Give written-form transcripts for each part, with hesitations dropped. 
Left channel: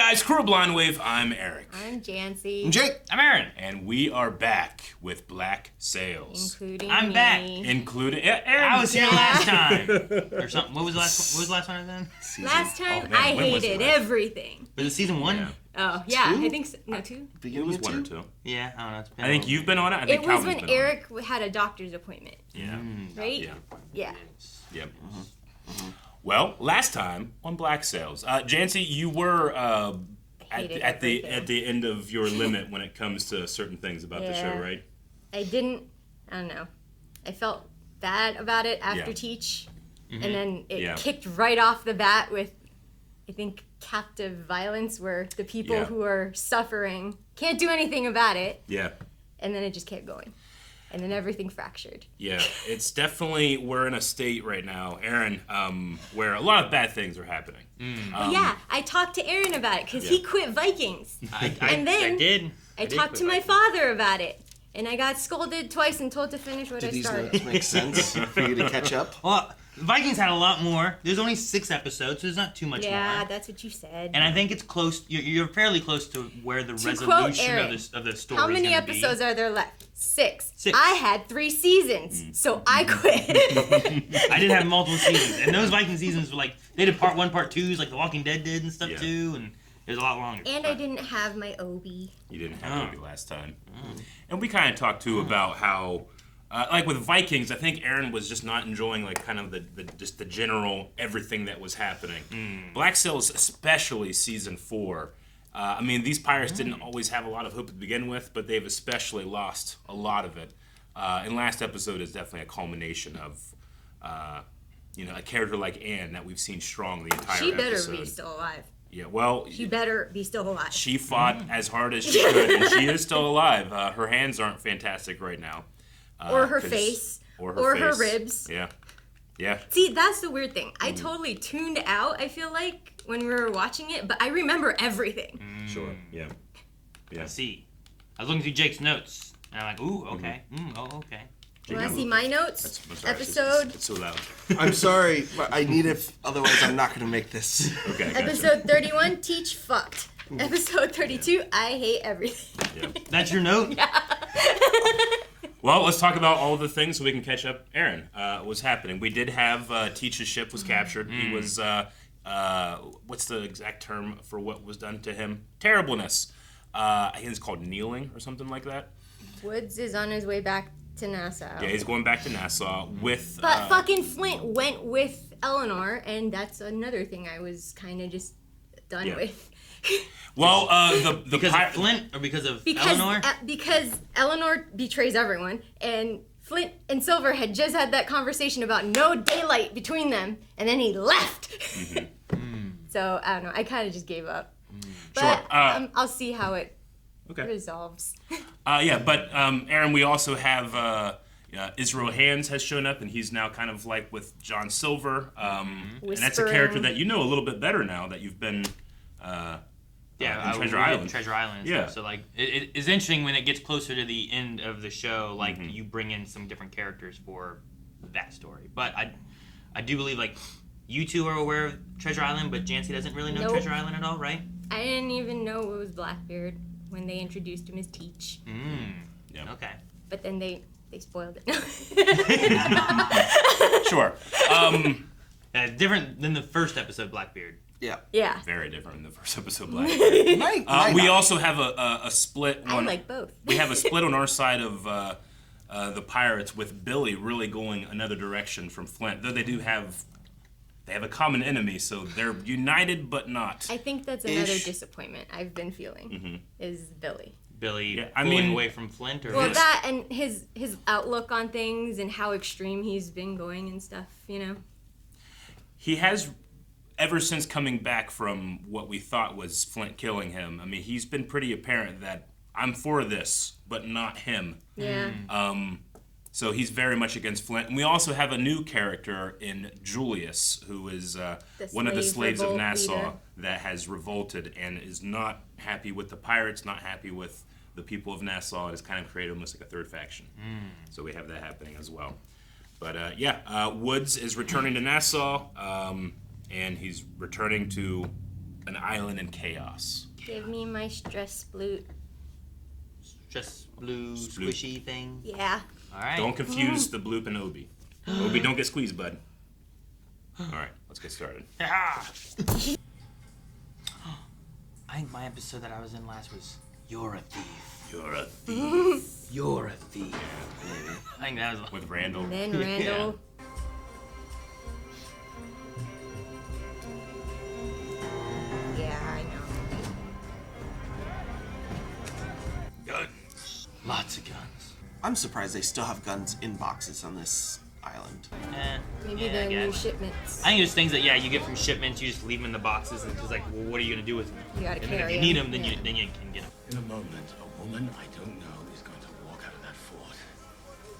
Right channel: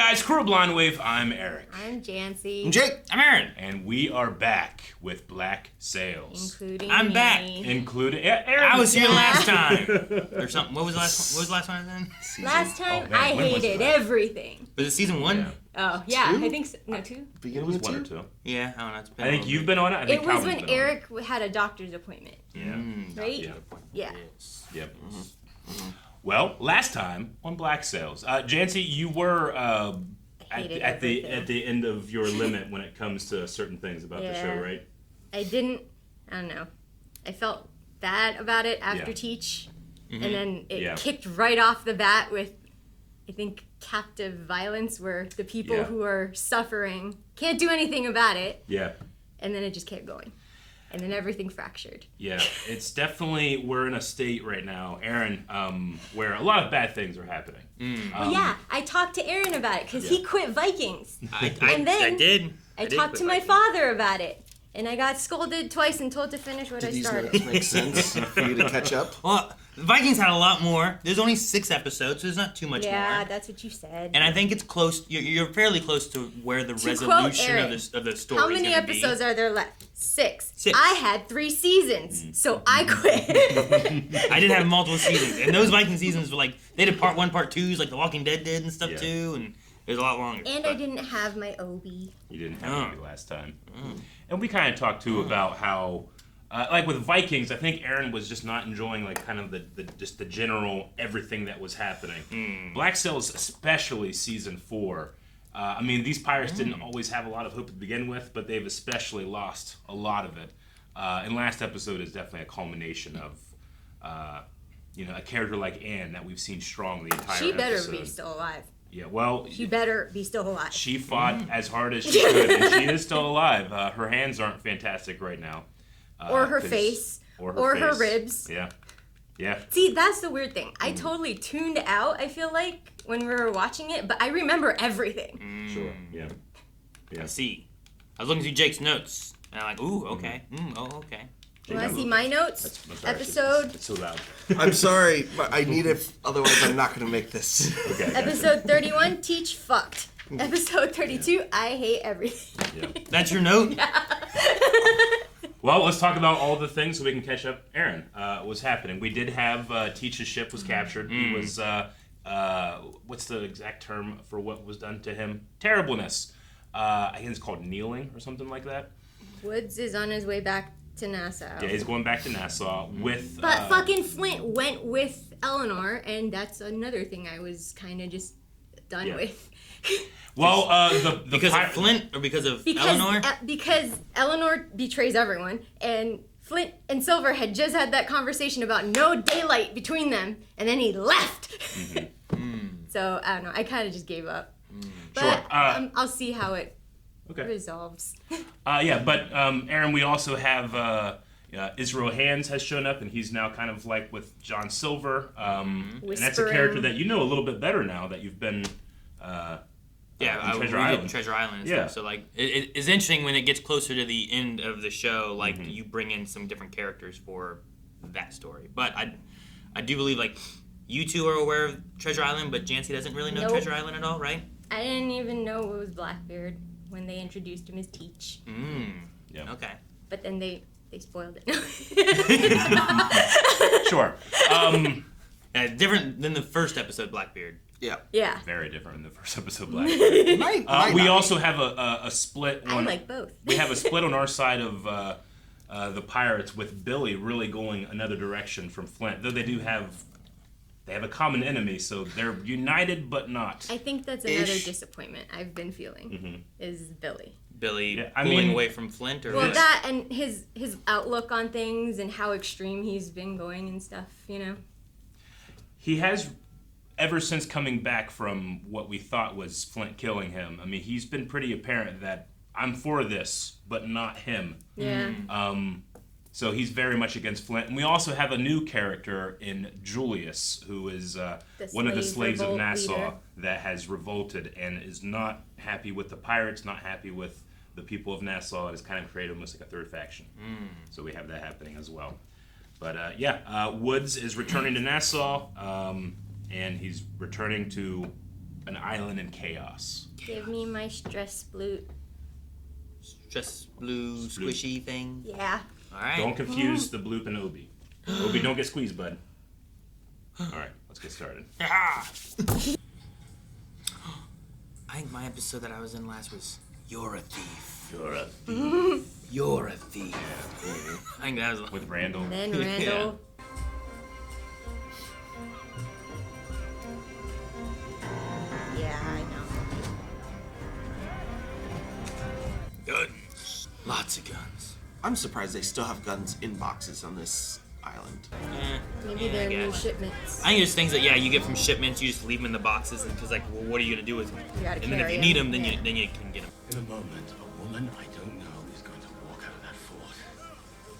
guys, Crew of Blonde Wave. I'm Eric. I'm Janci. I'm Jake. I'm Aaron. And we are back with Black Sails. Including I'm me. back. Including Aaron. I was here last time. Or something. What was the last time then? Last time, man, I when was hated that? everything. Was it season 1? Yeah. Oh, yeah, Two? I think so. No, 2? It Beginning was of 1 or two? 2. Yeah, I don't know. It's been I think you've been on it. I think It was Calvin's when been on it. Eric had a doctor's appointment, Yeah. right? Yeah. Yeah. Yep. Well, last time on Black Sails, Janci, you were hated at the everything. end of your limit when it comes to certain things about the show, Yeah. right? I don't know. I felt bad about it after Yeah. Teach, and then it Yeah. kicked right off the bat with, I think, captive violence, where the people Yeah. who are suffering can't do anything about it, Yeah. and then it just kept going. And then everything fractured. Yeah, it's definitely, we're in a state right now, Aaron, where a lot of bad things are happening. Yeah, I talked to Aaron about it because he Yeah. quit Vikings. And then I did. I did talked quit to my Vikings. father about it. And I got scolded twice and told to finish what Did I these started. notes make sense for you to catch up? Well, the Vikings had a lot more. There's only 6 episodes, so there's not too much Yeah, more. that's what you said. And I think it's close. You're fairly close to where the To quote resolution Aaron, of the story. How many episodes are there left? 6. 6. I had 3 seasons, so I quit. I did have multiple seasons, and those Viking seasons were like they did part 1, part 2s, like The Walking Dead did and stuff Yeah. too, and it was a lot longer. And I didn't have my Obi. You didn't have Obi last time. And we kind of talked too about how, like with Vikings, I think Aaron was just not enjoying like kind of just the general everything that was happening. Black Sails, especially season 4. I mean, these pirates didn't always have a lot of hope to begin with, but they've especially lost a lot of it. And last episode is definitely a culmination of, a character like Anne that we've seen strong the entire She better episode. be still alive. Yeah, well, She better be still alive. she fought as hard as she could, and she is still alive. Her hands aren't fantastic right now. Or her 'cause- face. Or her face. ribs. Yeah. Yeah. See, that's the weird thing. I totally tuned out, I feel like, when we were watching it, but I remember everything. Sure. Yeah. Yeah. I see. I was looking through Jake's notes, and I'm like, ooh, okay. Okay. You want to see my notes? That's sorry, it's just- Episode It's so loud. I'm sorry, but I need it. Otherwise, I'm not going to make this. Okay. Gotcha. Episode 31, Teach fucked. Episode 32, I hate everything. Yeah. That's your note? Well, let's talk about all the things so we can catch up. Aaron, what's happening? We did have Teach's ship was captured. He was, what's the exact term for what was done to him? Terribleness. I think it's called kneeling or something like that. Woods is on his way back to Nassau. Yeah, he's going back to Nassau with. But fucking Flint went with Eleanor, and that's another thing I was kind of just done Yeah. with. Well, the Because of Flint or because of Because Eleanor? because Eleanor betrays everyone, and Flint and Silver had just had that conversation about no daylight between them, and then he left. So I don't know. I kind of just gave up. But Sure. I'll see how it Okay. resolves. But Aaron, we also have Israel Hands has shown up, and he's now kind of like with John Silver, and that's a character Whispering. that you know a little bit better now that you've been. In Treasure we did Island. Treasure Island. And Yeah. stuff. So like, it's interesting when it gets closer to the end of the show. Like, you bring in some different characters for that story. But I do believe like you two are aware of Treasure Island, but Janci doesn't really know Nope. Treasure Island at all, right? I didn't even know it was Blackbeard when they introduced him as Teach. Yeah. Okay. But then they spoiled it. Sure. Different than the first episode, Blackbeard. Yeah. Yeah. Very different in the first episode. Of Black. Might We not. also have a split. I like both. We have a split on our side of the pirates, with Billy really going another direction from Flint. Though they have a common enemy, so they're united but not. I think that's another Ish. disappointment I've been feeling is Billy. Billy Yeah, I pulling mean- away from Flint, or Well, Yes. that and his outlook on things and how extreme he's been going and stuff, you know. He has, ever since coming back from what we thought was Flint killing him, I mean, he's been pretty apparent that I'm for this, but not him. Yeah. So he's very much against Flint. And we also have a new character in Julius, who is one of the slave slaves of revolt Nassau leader. that has revolted and is not happy with the pirates, not happy with the people of Nassau. It has kind of created almost like a third faction. So we have that happening as well. But Woods is returning to Nassau, and he's returning to an island in chaos. Give me my stress flute. Just blue squishy thing. Yeah. All right. Don't confuse the bloop and Obi. Obi, don't get squeezed, bud. All right, let's get started. Ah! I think my episode that I was in last was You're a Thief. You're a thief. You're a thief. I think that was With Randall. And then Randall. Yeah, I know. guns. Lots of guns. I'm surprised they still have guns in boxes on this island. Maybe Yeah, they're I new guess. shipments. I think there's things that you get from shipments. You just leave them in the boxes, and it's like, well, what are you gonna do with them? You gotta And then if carry you need 'em, them, then yeah. you can get them. In a moment, a woman I don't know is going to walk out of that fort.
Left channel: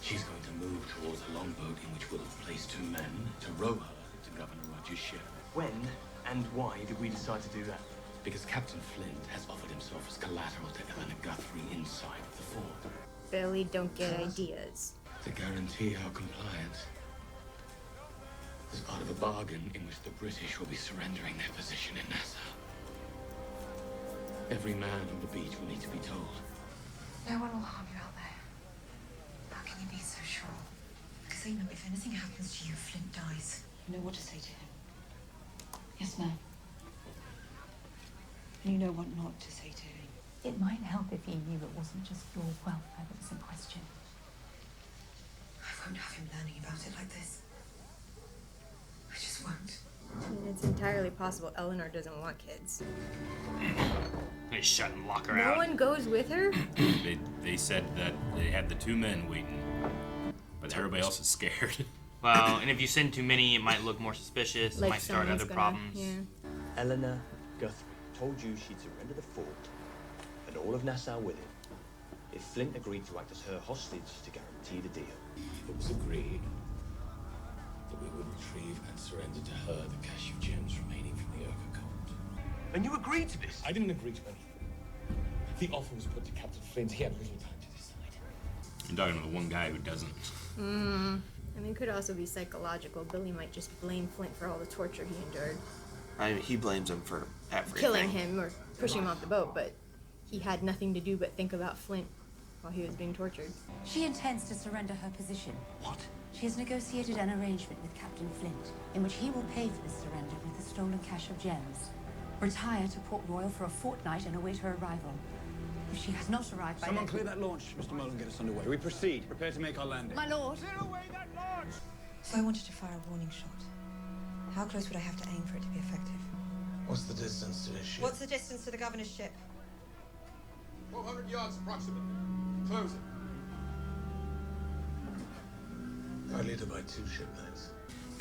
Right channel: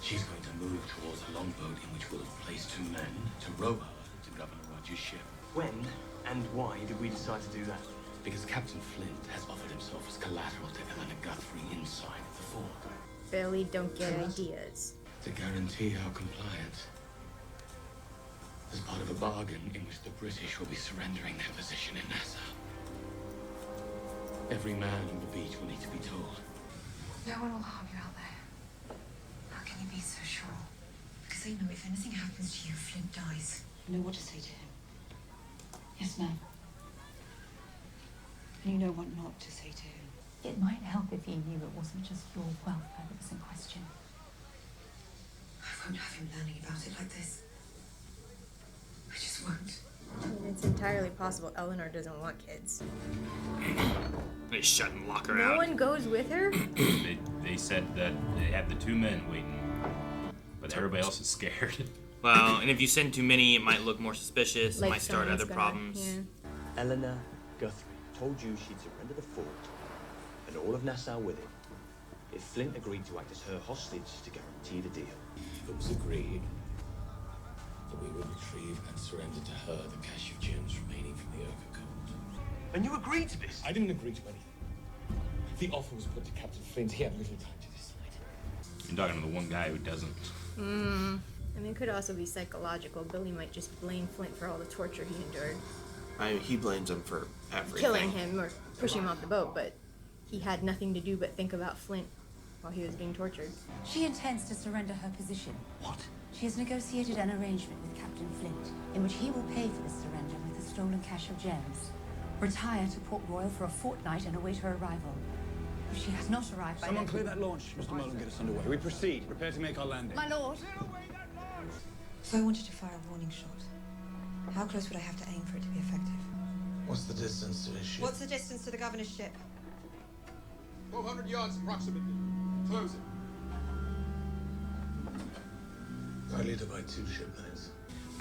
She's going to move towards a longboat in which we'll have placed 2 men to row her to Governor Rogers' ship. When and why did we decide to do that? Because Captain Flint has offered himself as collateral to Eleanor Guthrie inside the fort. Barely don't get ideas. To guarantee our compliance. As part of a bargain in which the British will be surrendering their position in Nassau. Every man on the beach will need to be told. No one will harm you out there. How can you be so sure? Because I know if anything happens to you, Flint dies. You know what to say to him. Yes, ma'am. And you know what not to say to him. It might help if he knew it wasn't just your welfare that was in question. I won't have him learning about it like this. I just won't. I mean, it's entirely possible Eleanor doesn't want kids. They shut and lock her No out. one goes with her? They said that they had the 2 men waiting, but everybody else is scared. Well, and if you send too many, it might look more suspicious. It Like might start someone's other gonna- problems. Yeah. Eleanor Guthrie told you she'd surrender the fort and all of Nassau with it if Flint agreed to act as her hostage to guarantee the deal. It was agreed that we would retrieve and surrender to her the cache of gems remaining from the Urca cult. And you agreed to this? I didn't agree to anything. The offer was put to Captain Flint. He had little time to decide. I'm talking to the one guy who doesn't. I mean, it could also be psychological. Billy might just blame Flint for all the torture he endured. I mean, he blames him for everything. Killing him or pushing him off the boat, but he had nothing to do but think about Flint while he was being tortured. She intends to surrender her position. What? She has negotiated an arrangement with Captain Flint, in which he will pay for the surrender with the stolen cache of gems. Retire to Port Royal for a fortnight and await her arrival. If she has not arrived by Someone then... clear that launch, Mr. Mullen, get us underway. We proceed. Prepare to make our landing. My lord! If I wanted to fire a warning shot, how close would I have to aim for it to be effective? What's the distance to his ship? What's the distance to the governor's ship? 1,200 yards approximately. Close it. I lead her by 2 ship lengths.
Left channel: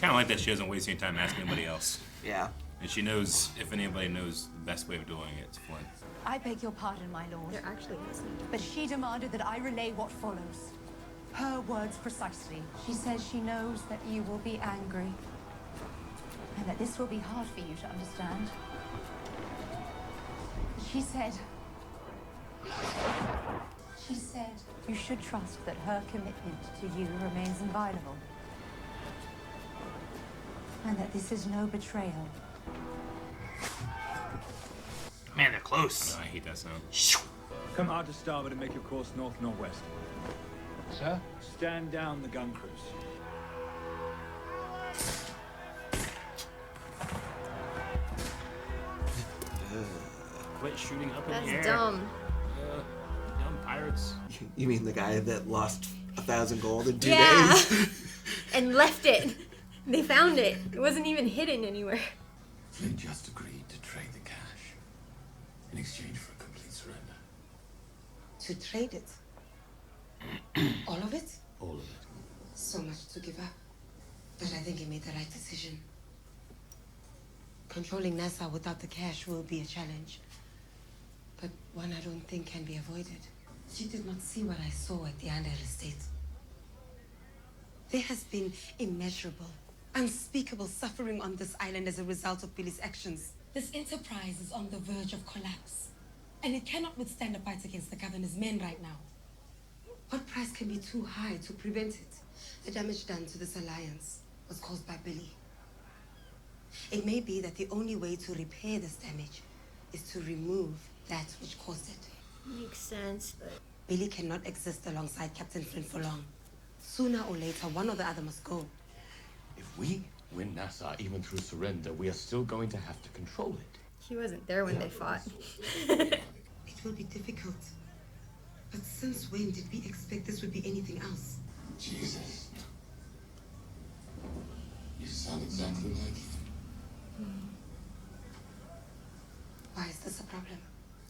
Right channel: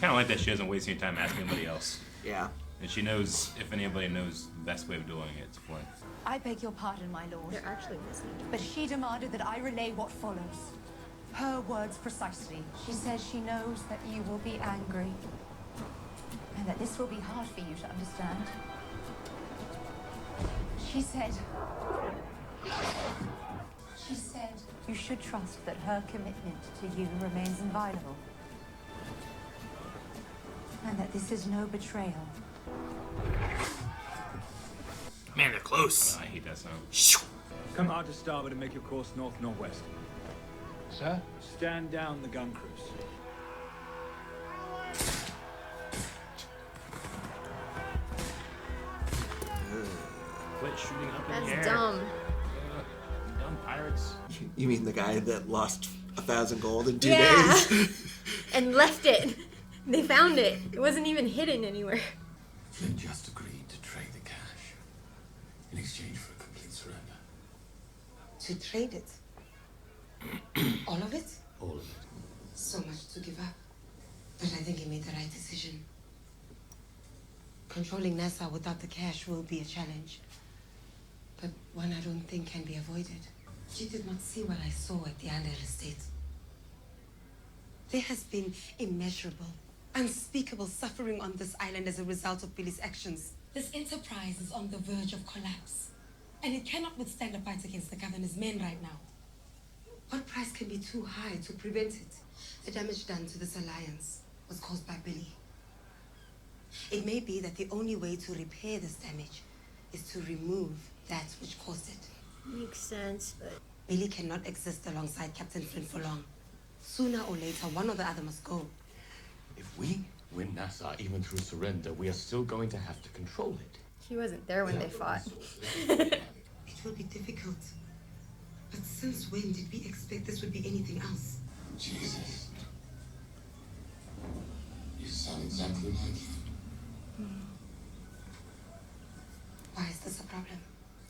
Kind of like that she doesn't waste any time asking anybody else. Yeah. And she knows, if anybody knows the best way of doing it, it's Flint. I beg your pardon, my lord. They're actually listening. But she demanded that I relay what follows. Her words precisely. She says she knows that you will be angry. And that this will be hard for you to understand. She said you should trust that her commitment to you remains inviolable. And that this is no betrayal. Man, they're close. I hate that sound. Shoo. Come hard to starboard and make your course north-northwest. Sir? Stand down the gun crews. Quit shooting up in the air. That's dumb. Dumb pirates. You mean the guy that lost 1,000 gold in 2 Yeah. days? And left it. They found it. It wasn't even hidden anywhere. Flint just agreed to trade the cache in exchange for a complete surrender. To trade it? All of it? All of it. So much to give up. But I think he made the right decision. Controlling Nassau without the cash will be a challenge. But one I don't think can be avoided. She did not see what I saw at the Under estate. There has been immeasurable, unspeakable suffering on this island as a result of Billy's actions. This enterprise is on the verge of collapse. And it cannot withstand a fight against the governor's men right now. What price can be too high to prevent it? The damage done to this alliance was caused by Billy. It may be that the only way to repair this damage is to remove that which caused it. Makes sense, but Billy cannot exist alongside Captain Flint for long. Sooner or later, one or the other must go. If we win Nassau, even through surrender, we are still going to have to control it. he wasn't there when they fought. It will be difficult. But since when did we expect this would be anything else? Jesus. You sound exactly like him. Why is this a problem?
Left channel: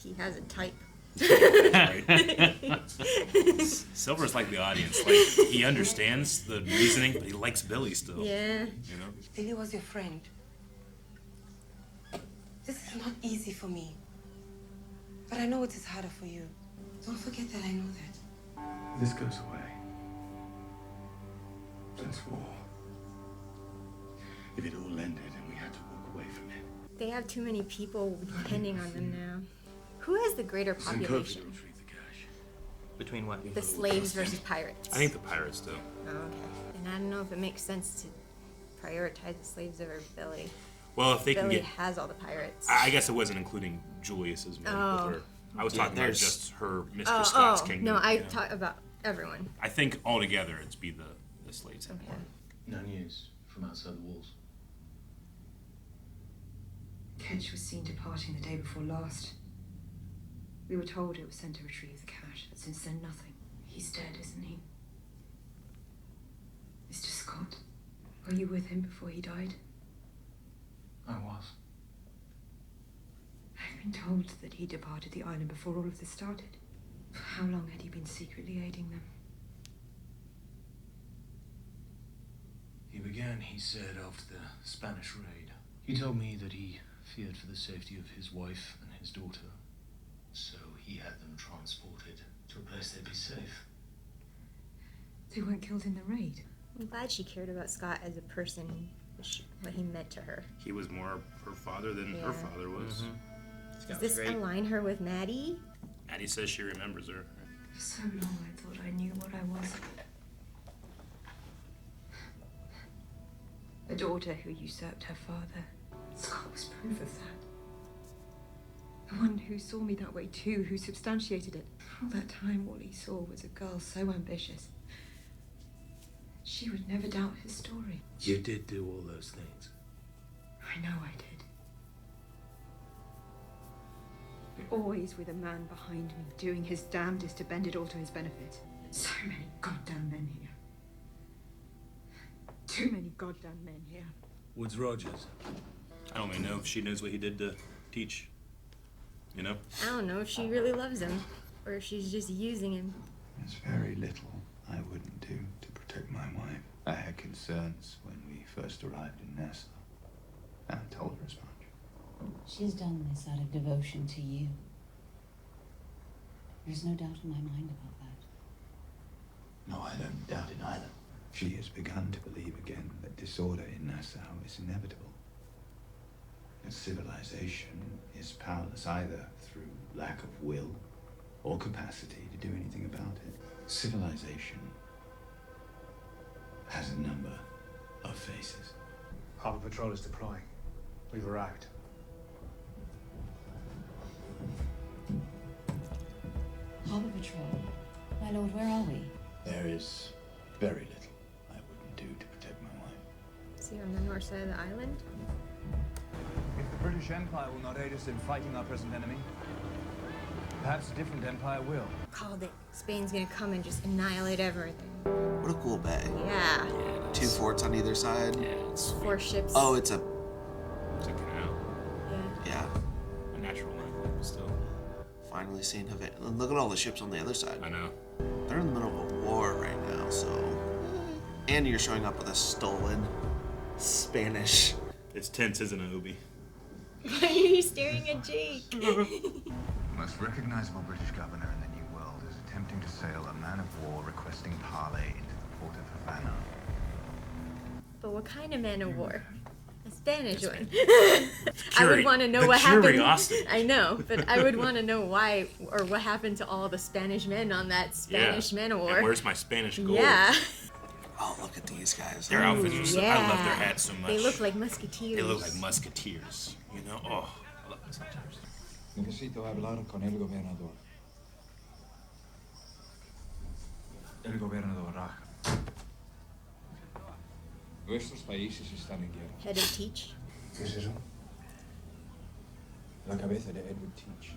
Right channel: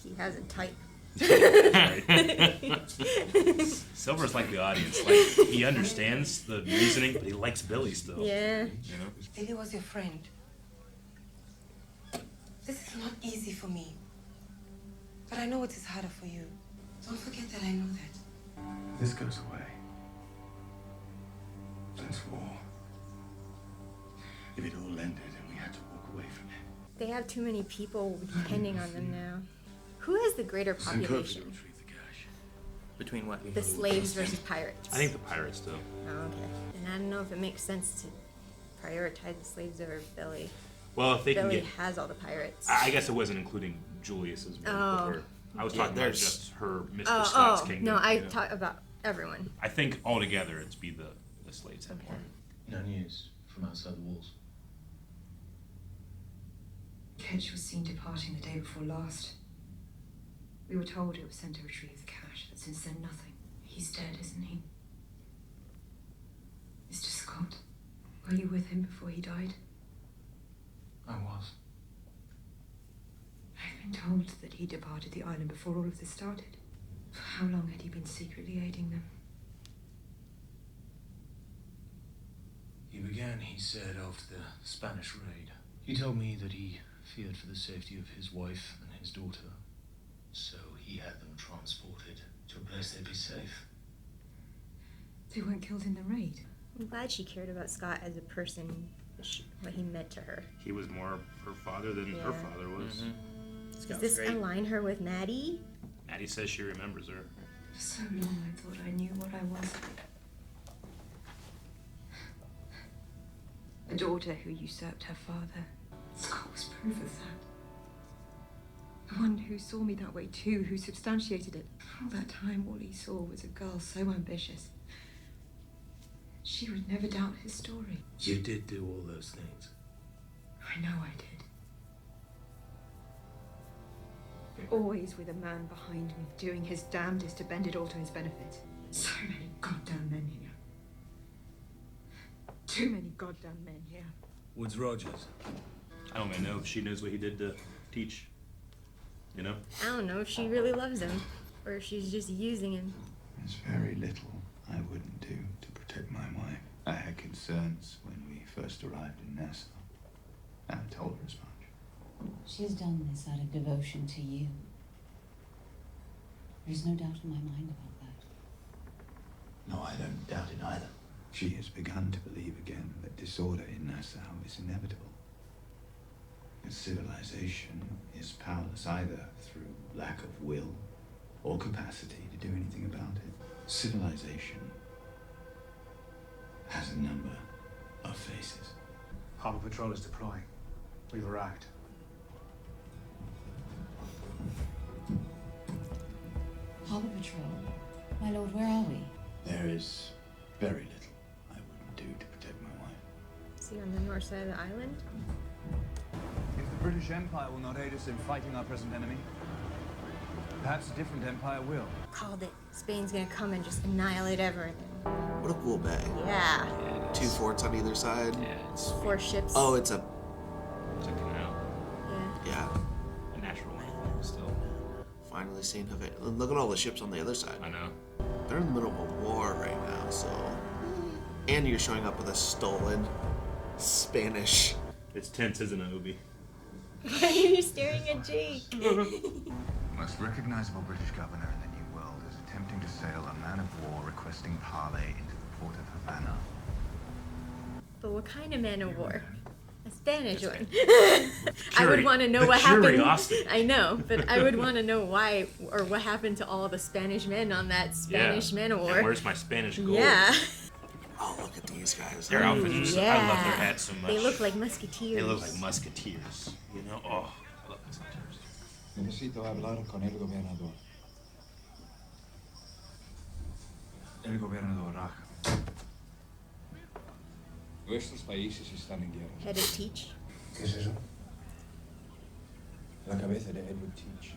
He has a type. Silver's like the audience. Like, he understands the reasoning, but he likes Billy still. Yeah. You know? Billy was your friend. This is not easy for me. But I know it is harder for you. Don't forget that I know that. This goes away. Flint's war. If it all ended and we had to walk away from it. They have too many people depending on them now. Who has the greater Send Kobe to population? retrieve the cash. Between what? The slaves versus pirates. I think the pirates do. Oh, okay. And I don't know if it makes sense to prioritize the slaves over Billy. Well, if they can Billy get... has all the pirates. I guess it wasn't including Julius's men Oh. with her. I was talking about there's- just her Mr. Scott's kingdom. no, I you know. talk about everyone. I think altogether it'd be the slaves. Okay. No news from outside the walls. Ketch was seen departing the day before last. We were told it was sent to retrieve the cash, but since then nothing. He's dead, isn't he? Mr. Scott, were you with him before he died? I was. I've been told that he departed the island before all of this started. For how long had he been secretly aiding them? He began, he said, after the Spanish raid. He told me that he feared for the safety of his wife and his daughter, so he had them transported to a place they'd be safe. They weren't killed in the raid. I'm glad she cared about Scott as a person, what he meant to her. He was more her father than her Yeah. father was. Does this align her with Maddie? Maddie says she remembers her. For so long I thought I knew what I was. A daughter who usurped her father. Scott was proof of that. The one who saw me that way too, who substantiated it. All that time all he saw was a girl so ambitious. She would never doubt his story. You did do all those things. I know I did. But always with a man behind me, doing his damnedest to bend it all to his benefit. So many goddamn men here. Too many goddamn men here. Woodes Rogers. I don't really know if she knows what he did to teach. You know? I don't know if she really loves him, or if she's just using him. There's very little I wouldn't do to protect my wife. I had concerns when we first arrived in Nassau, and I told her as much. She has done this out of devotion to you. There's no doubt in my mind about that. No, I don't doubt it either. She has begun to believe again that disorder in Nassau is inevitable. That civilization is powerless either through lack of will or capacity to do anything about it. Civilization has a number of faces. Harbor Patrol is deploying. We've arrived. Harbor Patrol. My lord, where are we? There is very little I wouldn't do to protect my wife. Is he on the north side of the island? If the British Empire will not aid us in fighting our present enemy, perhaps a different empire will. Called it. Spain's gonna come and just annihilate everything. What a cool bay. Yeah. 2 forts on either side. Yeah, it's 4 ships. Oh, it's a canal. Yeah. A natural one, still. finally seen Havana. Look at all the ships on the other side. I know. They're in the middle of a war right now, so. And you're showing up with a stolen Spanish. It's tense, isn't it, Obi? Why are you staring at Jake? The most recognizable British governor in the New World is attempting to sail a man of war requesting parley into the port of Havana. But what kind of man of war? A Spanish one. I would want to know what happened. I know, but I would want to know why or what happened to all the Spanish men on that Spanish man of war. And where's my Spanish gold? Yeah. Oh, look at these guys. Their outfits are so, I love their Yeah. hats so much. They look like musketeers. They look like musketeers. You know? Oh, I love musketeers. Necesito hablar con el gobernador. El gobernador Raja. Nuestros países están en guerra. Head of Teach. ¿Qué es eso? La cabeza de Edward Teach.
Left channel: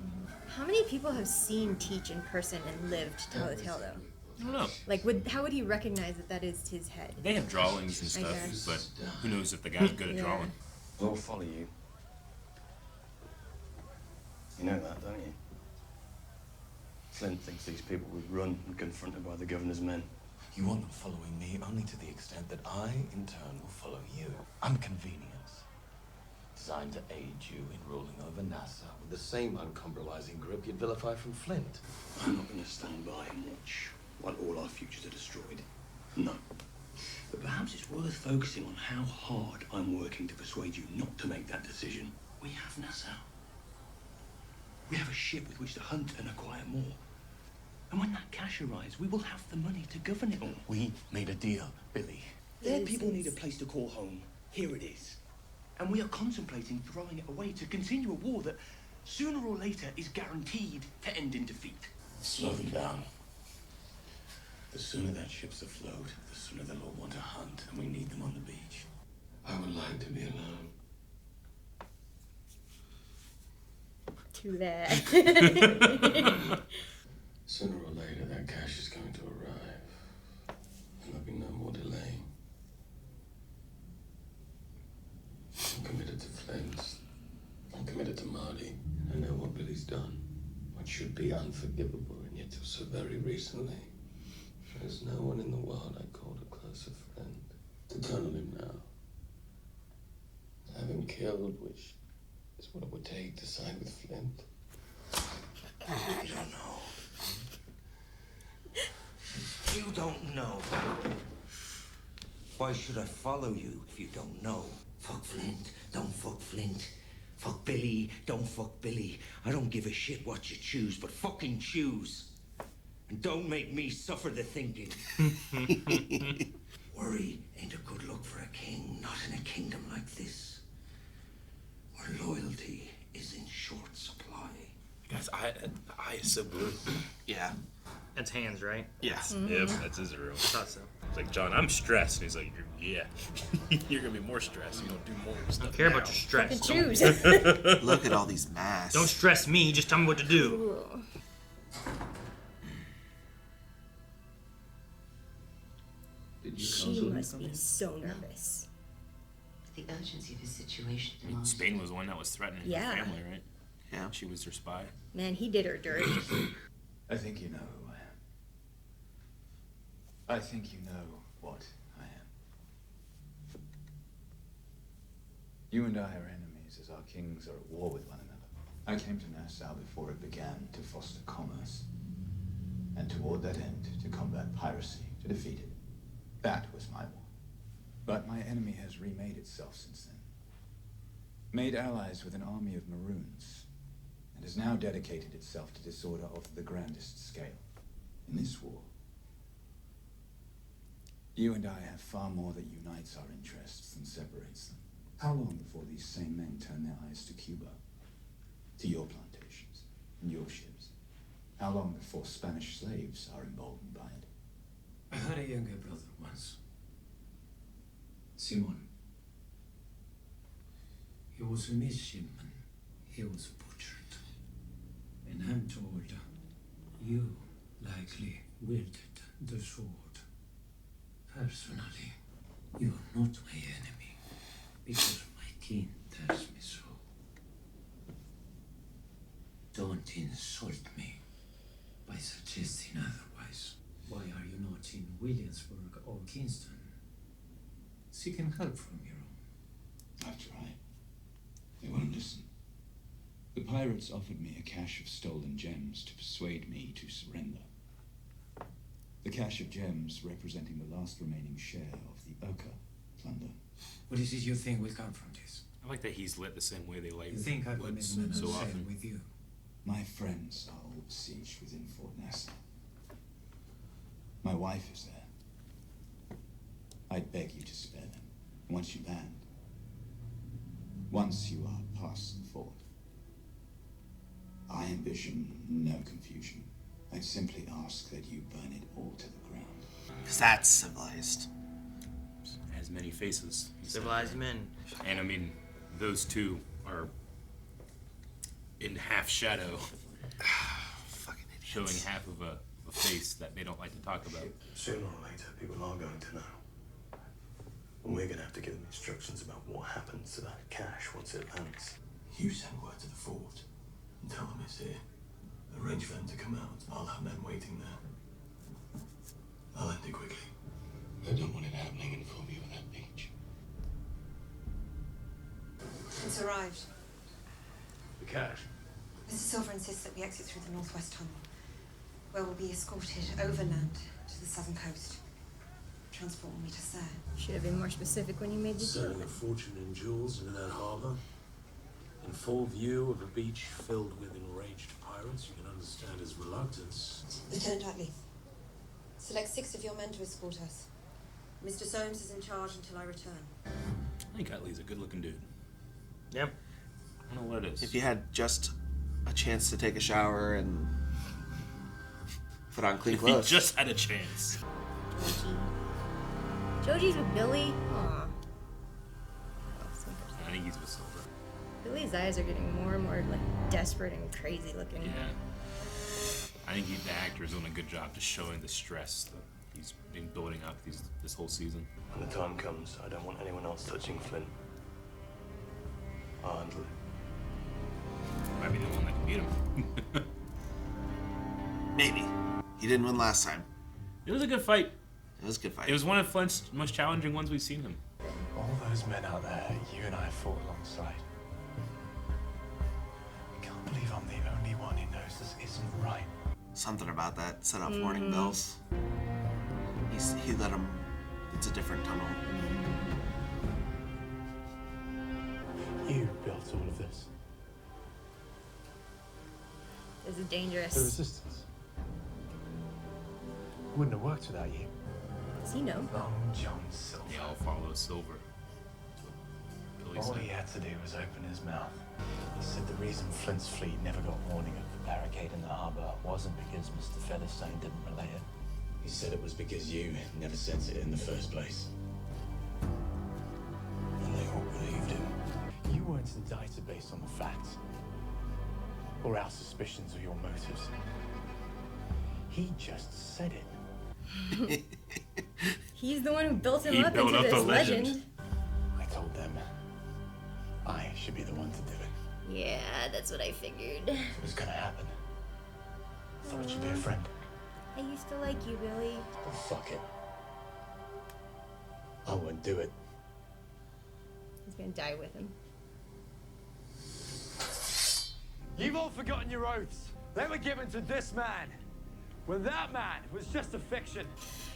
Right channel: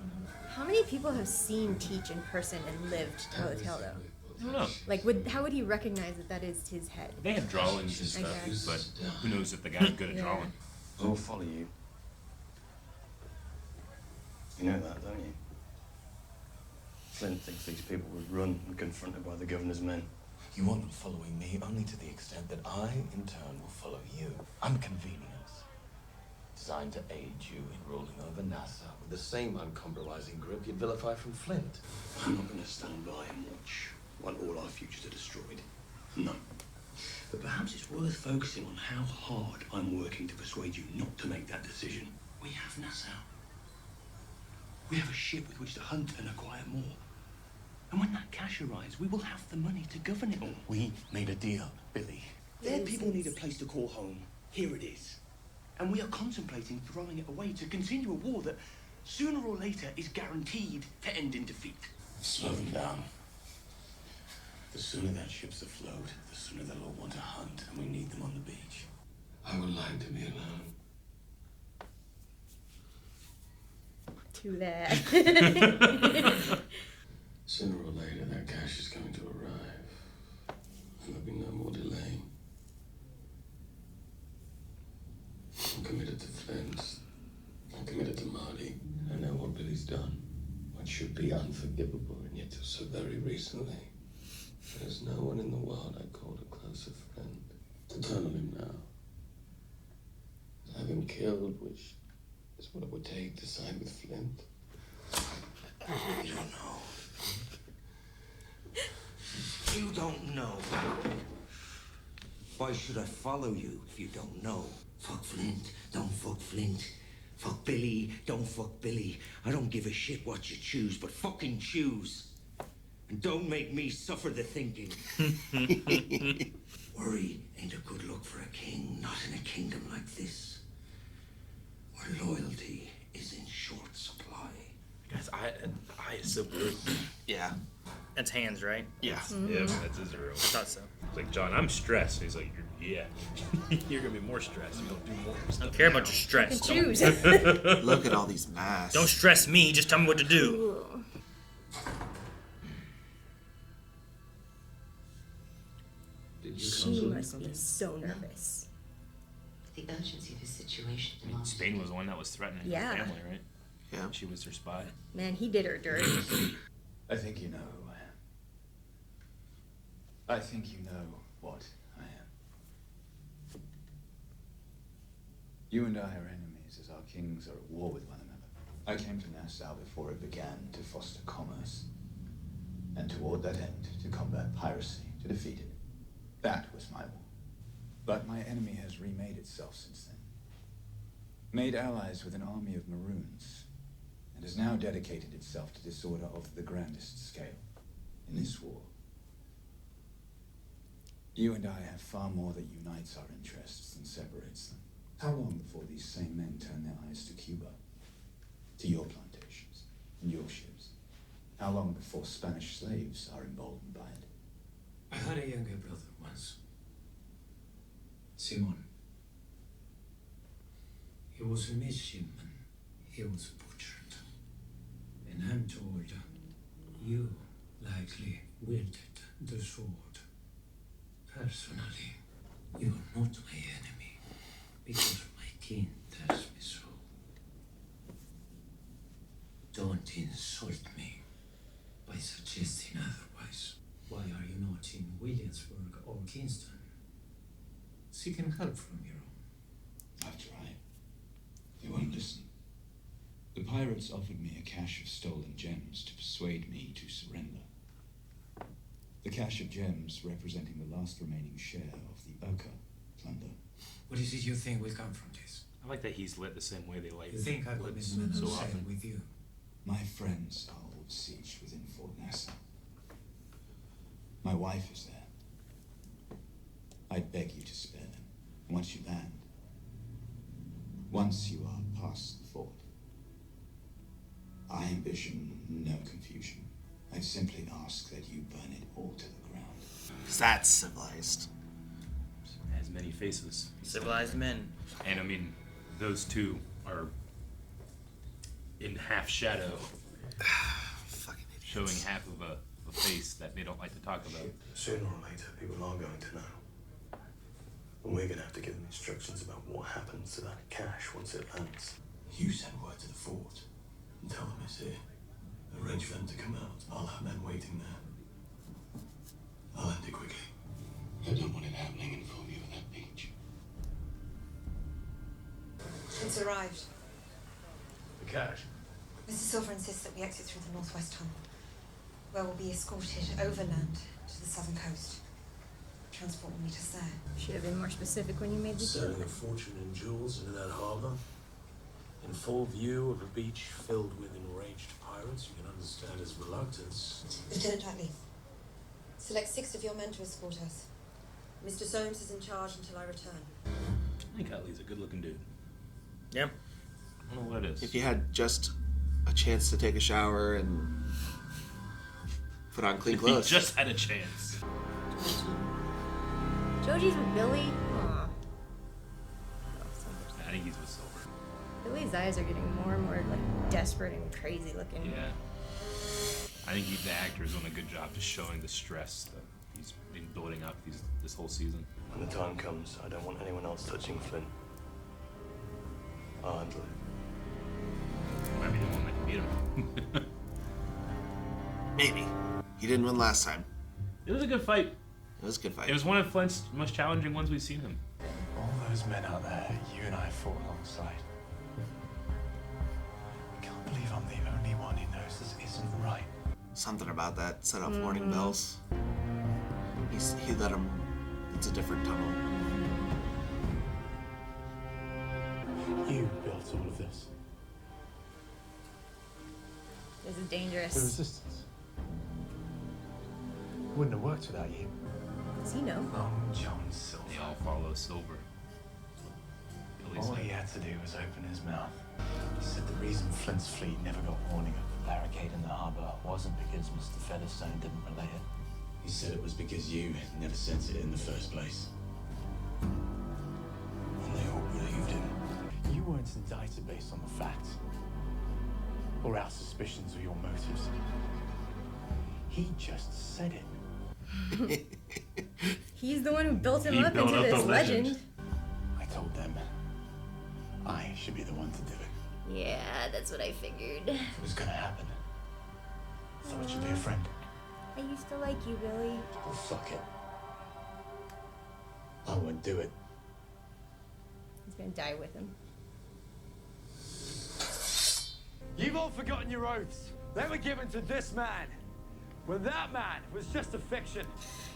How many people have seen Teach in person and lived to tell the tale, though? I don't know. Like, how would he recognize that that is his head? They have drawings and I stuff, guess. but who knows if the guy's good at Yeah. drawing. I'll follow you. You know that, don't you? Flint thinks these people would run when confronted by the governor's men. You want them following me only to the extent that I, in turn, will follow you. I'm convenience. Designed to aid you in ruling over Nassau with the same uncompromising grip you'd vilify from Flint. I'm not going to stand by and watch while all our futures are destroyed. No. But perhaps it's worth focusing on how hard I'm working to persuade you not to make that decision. We have Nassau. We have a ship with which to hunt and acquire more. And when that cash arrives, we will have the money to govern it all. We made a deal, Billy. Their people need a place to call home. Here it is. And we are contemplating throwing it away to continue a war that, sooner or later, is guaranteed to end in defeat. Slow them down. The sooner that ship's afloat, the sooner they'll all want to hunt, and we need them on the beach. I would like to be alone. Too bad. Sooner or later, that cash is going to arrive, and there'll be no more delay. I'm committed to Flint. I'm committed to Marty. I know what Billy's done. What should be unforgivable, and yet till so very recently. There's no one in the world I'd call a closer friend. To turn on him now. Have him killed, which is what it would take to side with Flint. You don't know. You don't know. Why should I follow you if you don't know? Fuck Flint, don't fuck Flint. Fuck Billy, don't fuck Billy. I don't give a shit what you choose, but fucking choose. And don't make me suffer the thinking. Worry ain't a good look for a king, not in a kingdom like this, where loyalty is in short supply. Guys, the eye is so good. Yeah. That's hands, right? Yes. Mm-hmm. Yeah, that's Israel. Thought so. It's like, John, I'm stressed. And he's like, yeah. You're going to be more stressed. You don't do more stuff. I don't care about your stress. Fucking choose. Look at all these masks. Don't stress me. Just tell me what to do. Cool. She must be so nervous. The urgency of his situation I mean, Spain was the one that was threatening Yeah. her family, right? Yeah. She was her spy. Man, he did her dirty. I think you know who I am. I think you know what I am. You and I are enemies as our kings are at war with one another. I came to Nassau before it began to foster commerce. And toward that end, to combat piracy, to defeat it. That was my war. But my enemy has remade itself since then. Made allies with an army of Maroons. And has now dedicated itself to disorder of the grandest scale. In this war, you and I have far more that unites our interests than separates them. How long before these same men turn their eyes to Cuba? To your plantations and your ships? How long before Spanish slaves are emboldened by it? I had a younger brother once. Simon. He was a midshipman. He was butchered. And I'm told you likely wielded the sword. Personally, you're not my enemy, because my king tells me so. Don't insult me by suggesting otherwise. Why are you not in Williamsburg or Kingston, seeking help from your own? I've tried. They won't listen. The pirates offered me a cache of stolen gems to persuade me to surrender. The cache of gems representing the last remaining share of the Urca plunder. What is it you think will come from this? I like that he's lit the same way they light. You think I could lights men so sail often. with you? My friends are all besieged within Fort Nassau. My wife is there. I'd beg you to spare them. Once you land, once you are past the fort, I envision no confusion. I simply ask that you burn it all to the ground. Because that's civilized. It has many faces. Civilized men. And I mean, those two are in half shadow. Fucking idiots. Showing half of a face that they don't like to talk about. Sooner or later, people are going to know. And we're going to have to give them instructions about what happens to that cash once it lands. You send word to the fort and tell them it's here. Arrange for them to come out. I'll have men waiting there. I'll end it quickly. I don't want it happening in full view of that beach. It's arrived. The cash? Mr. Silver insists that we exit through the northwest tunnel, where we'll be escorted overland to the southern coast. Transport will meet us there. Should have been more specific when you made the deal. Selling a fortune in jewels into that harbor, in full view of a beach filled with enraged pirates, you can understand his reluctance. Lieutenant Utley, select 6 of your men to escort us. Mr. Soames is in charge until I return. I think Utley's a good-looking dude. Yep. I don't know what it is. If you had just a chance to take a shower and put on clean If he clothes. just had a chance. Joji's with Billy. Aw. I think he's with Silver. Billy's eyes are getting more and more like desperate and crazy looking. Yeah. I think the actor's doing a good job just showing the stress that he's been building up this whole season. When the time comes, I don't want anyone else touching Flint. I'll handle it. Might be the one that can beat him. Maybe. He didn't win last time. It was a good fight. It was a good fight. It was one of Flint's most challenging ones we've seen him. All those men out there, you and I fought alongside. I can't believe I'm the only one who knows this isn't right. Something about that set off warning bells. He led him into a different tunnel. You built all of this. This is dangerous. The resistance. Wouldn't have worked without you. Does he know? Long John Silver. Yeah, I'll follow Silver. All he had to do was open his mouth. He said the reason Flint's fleet never got warning of the barricade in the harbor wasn't because Mr. Featherstone didn't relay it. He said it was because you never sent it in the first place. And they all believed him. You weren't indicted based on the facts or our suspicions of your motives. He just said it. He's the one who built him up into this legend. I told them I should be the one to do it. Yeah, that's what I figured. If it was gonna happen, I thought it should be a friend. I used to like you, Billy. Oh, fuck it. I won't do it. He's gonna die with him. You've all forgotten your oaths. They were given to this man, when that man was just a fiction.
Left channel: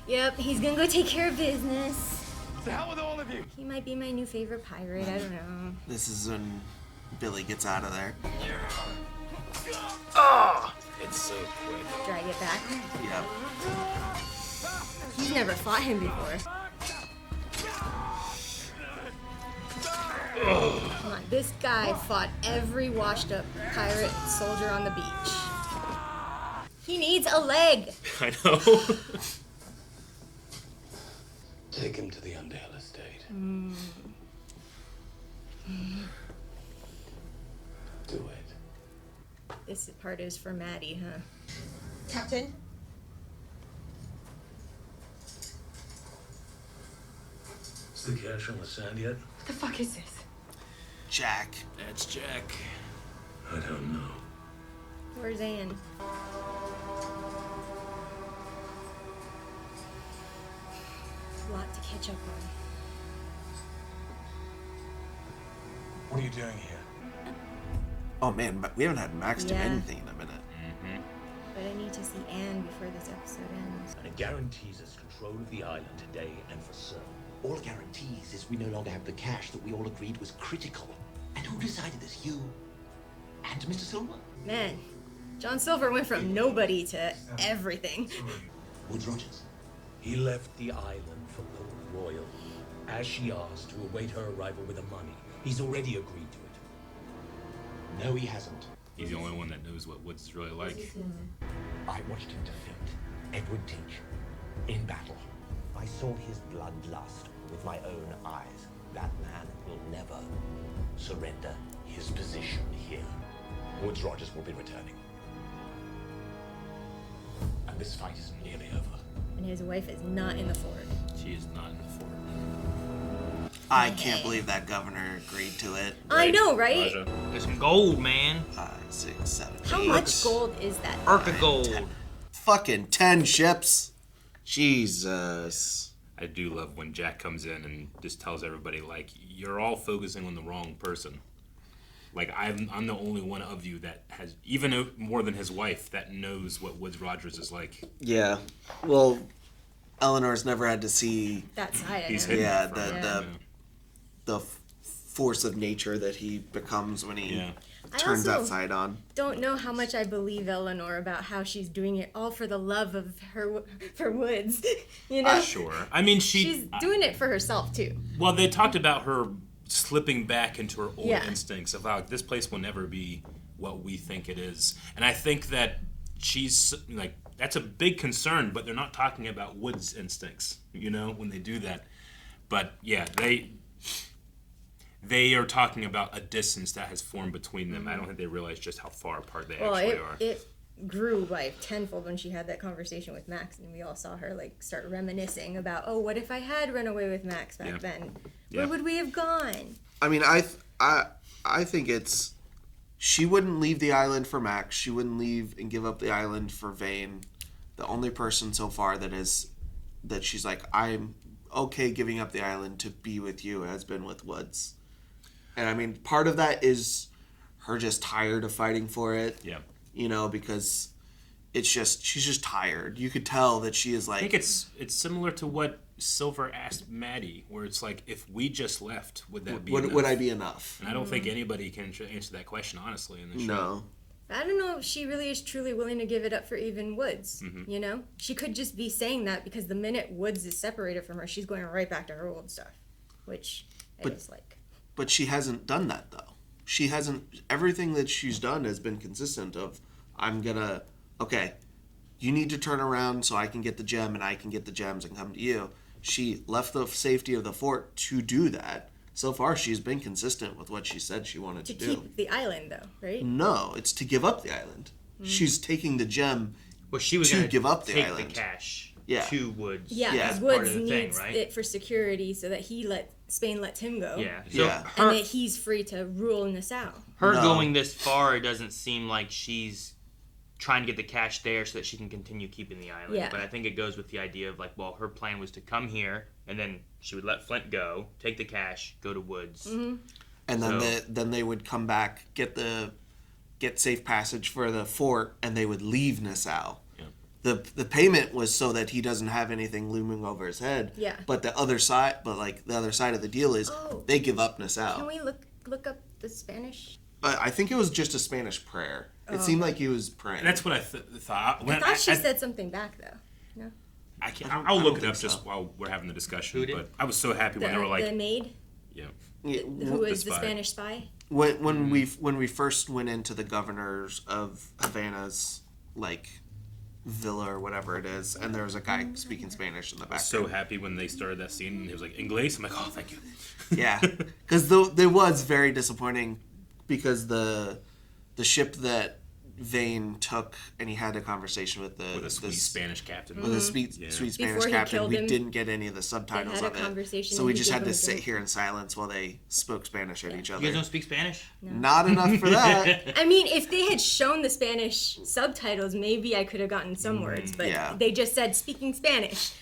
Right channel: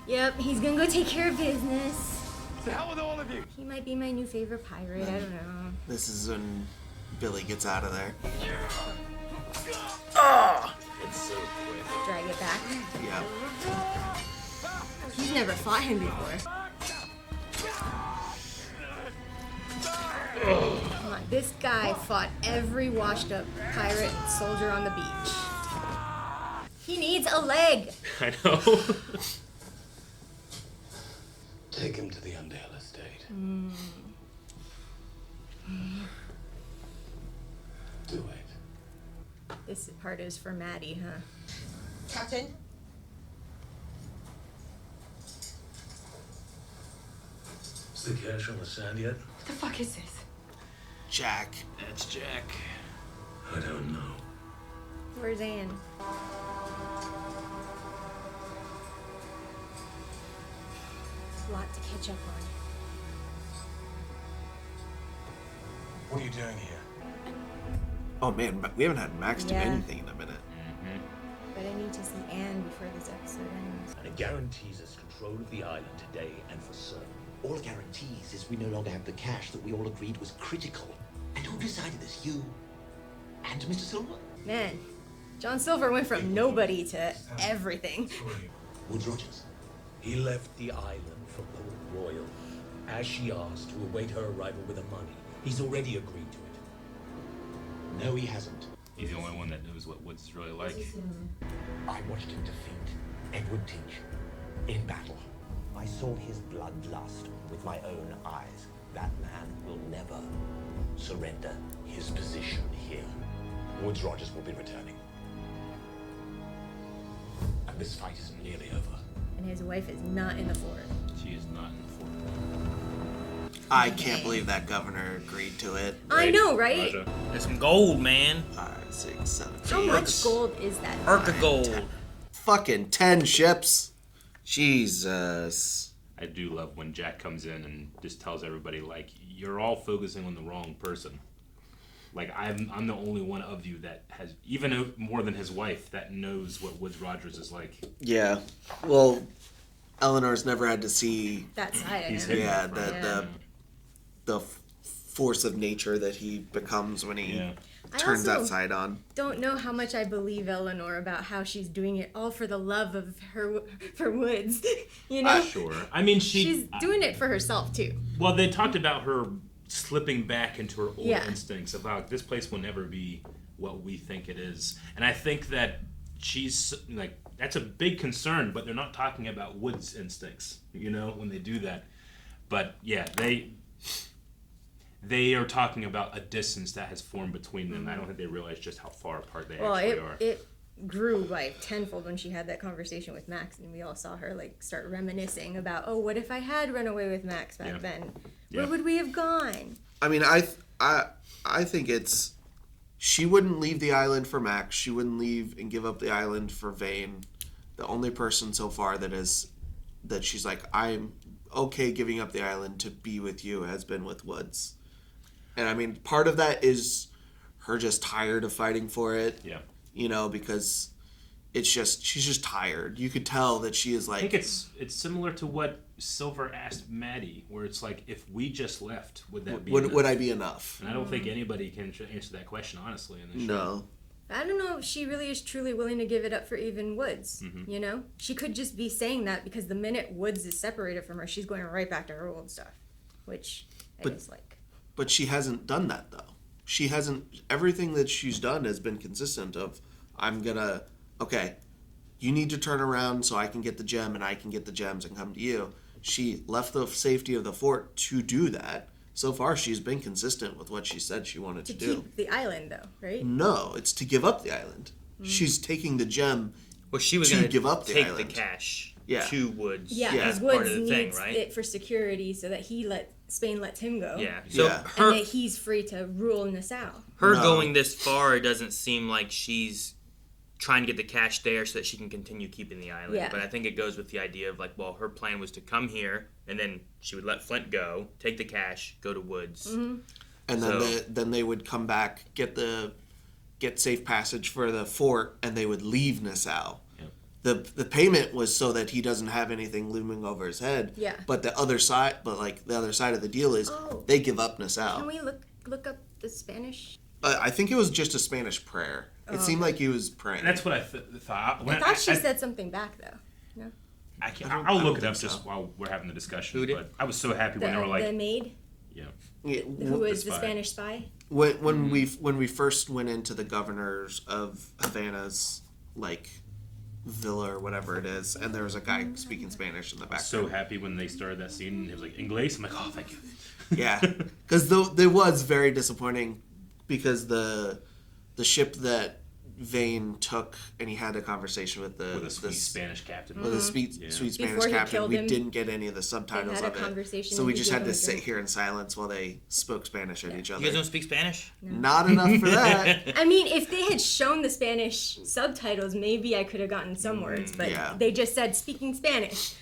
Yep, he's gonna go take care of business. To hell with all of you. He might be my new favorite pirate, I don't know. This is when Billy gets out of there. It's so quick. Drag it back. Yeah. He's never fought him before. Come on, this guy fought every washed up pirate soldier on the beach. He needs a leg. I know. Take him to the Underhill estate. Do it. This part is for Maddie, huh? Captain? Is the cash on the sand yet? What the fuck is this? Jack. That's Jack. I don't know. Where's Anne? A lot to catch up on. What are you doing here? Oh man, but we haven't had Max do Yeah. anything in a minute. But I need to see Anne before this episode ends. And it guarantees us control of the island today and for certain. All it guarantees is we no longer have the cash that we all agreed was critical. And who decided this? You and Mr. Silver? Man, John Silver went from nobody to everything. Woodes Rogers. He left the island for Port Royal, as she asked, to await her arrival with the money. He's already agreed to it. No, he hasn't. He's the only one that knows what Woods is really like. I watched him defeat Edward Teach in battle. I saw his bloodlust with my own eyes. That man will never surrender his position here. Woodes Rogers will be returning. And this fight isn't nearly over. And his wife is not in the fort. She is not in the fort. I can't believe that governor agreed to it. I know, right? There's some gold, man. 5, 6, 7. How much gold is that? Arc of gold. Fucking 10 ships. Jesus. I do love when Jack comes in and just tells everybody, like, you're all focusing on the wrong person. Like, I'm the only one of you that has, even more than his wife, that knows what Woodes Rogers is like. Yeah. Well, Eleanor's never had to see that side of He's him. hidden Yeah, that forever. the force of nature that he becomes when he I turns also that side on. don't know how much I believe Eleanor about how she's doing it all for the love of for Woods. You know? Sure. I mean, she's doing it for herself too. Well, they talked about her slipping back into her old Yeah. instincts about this place will never be what we think it is. And I think that she's like, that's a big concern, but they're not talking about Woods' instincts, you know, when they do that. But yeah, they are talking about a distance that has formed between them. I don't think they realize just how far apart they actually are. It grew like tenfold when she had that conversation with Max, and we all saw her like start reminiscing about, oh, what if I had run away with Max back then? Where would we have gone? I mean, I think it's she wouldn't leave the island for Max. She wouldn't leave and give up the island for Vane. The only person so far that she's like, I'm okay giving up the island to be with you has been with Woods. And I mean, part of that is her just tired of fighting for it. Yeah. You know, because she's just tired. You could tell that she is like. I think it's similar to what Silver asked Maddie, where it's like, if we just left, would that be enough? Would I be enough? And I don't think anybody can answer that question honestly in the show. No. I don't know if she really is truly willing to give it up for even Woods. You know, she could just be saying that because the minute Woods is separated from her, she's going right back to her old stuff, which is like. But she hasn't done that though. She hasn't. Everything that she's done has been consistent. Of okay, you need to turn around so I can get the gem and I can get the gems and come to you. She left the safety of the fort to do that. So far, she's been consistent with what she said she wanted to do. To keep the island, though, right? No, it's to give up the island. She's taking the gem she was to gonna give up the take island. the cash Yeah. to Woods. Yeah, because as Woods part of the thing, needs right? it for security so that Spain lets him go. Yeah. So her, and that he's free to rule Nassau. her going this far, it doesn't seem like she's trying to get the cash there so that she can continue keeping the island. Yeah. But I think it goes with the idea of like, well, her plan was to come here and then she would let Flint go, take the cash, go to Woods. And then they would come back, get safe passage for the fort, and they would leave Nassau. The payment was so that he doesn't have anything looming over his head. Yeah. But the other side of the deal is they give up Nassau. Can we look up the Spanish? I think it was just a Spanish prayer. It seemed like he was praying. That's what I thought. I thought she said something back though. No. I'll look it up just while we're having the discussion. But I was so happy when they were like, the maid. Yeah. Who was the Spanish spy? When we first went into the governors of Havana's villa or whatever it is, and there was a guy speaking Spanish in the background. So happy when they started that scene and he was like, Inglés? I'm like, oh, thank you. Yeah, because it was very disappointing because the ship that Vane took and he had a conversation with the sweet Spanish captain. With a sweet Spanish captain. We didn't get any of the subtitles of it. So we just had to sit here in silence while they spoke Spanish at each other. You guys don't speak Spanish? No. Not enough for that. I mean, if they had shown the Spanish subtitles, maybe I could have gotten some words, but they just said speaking Spanish.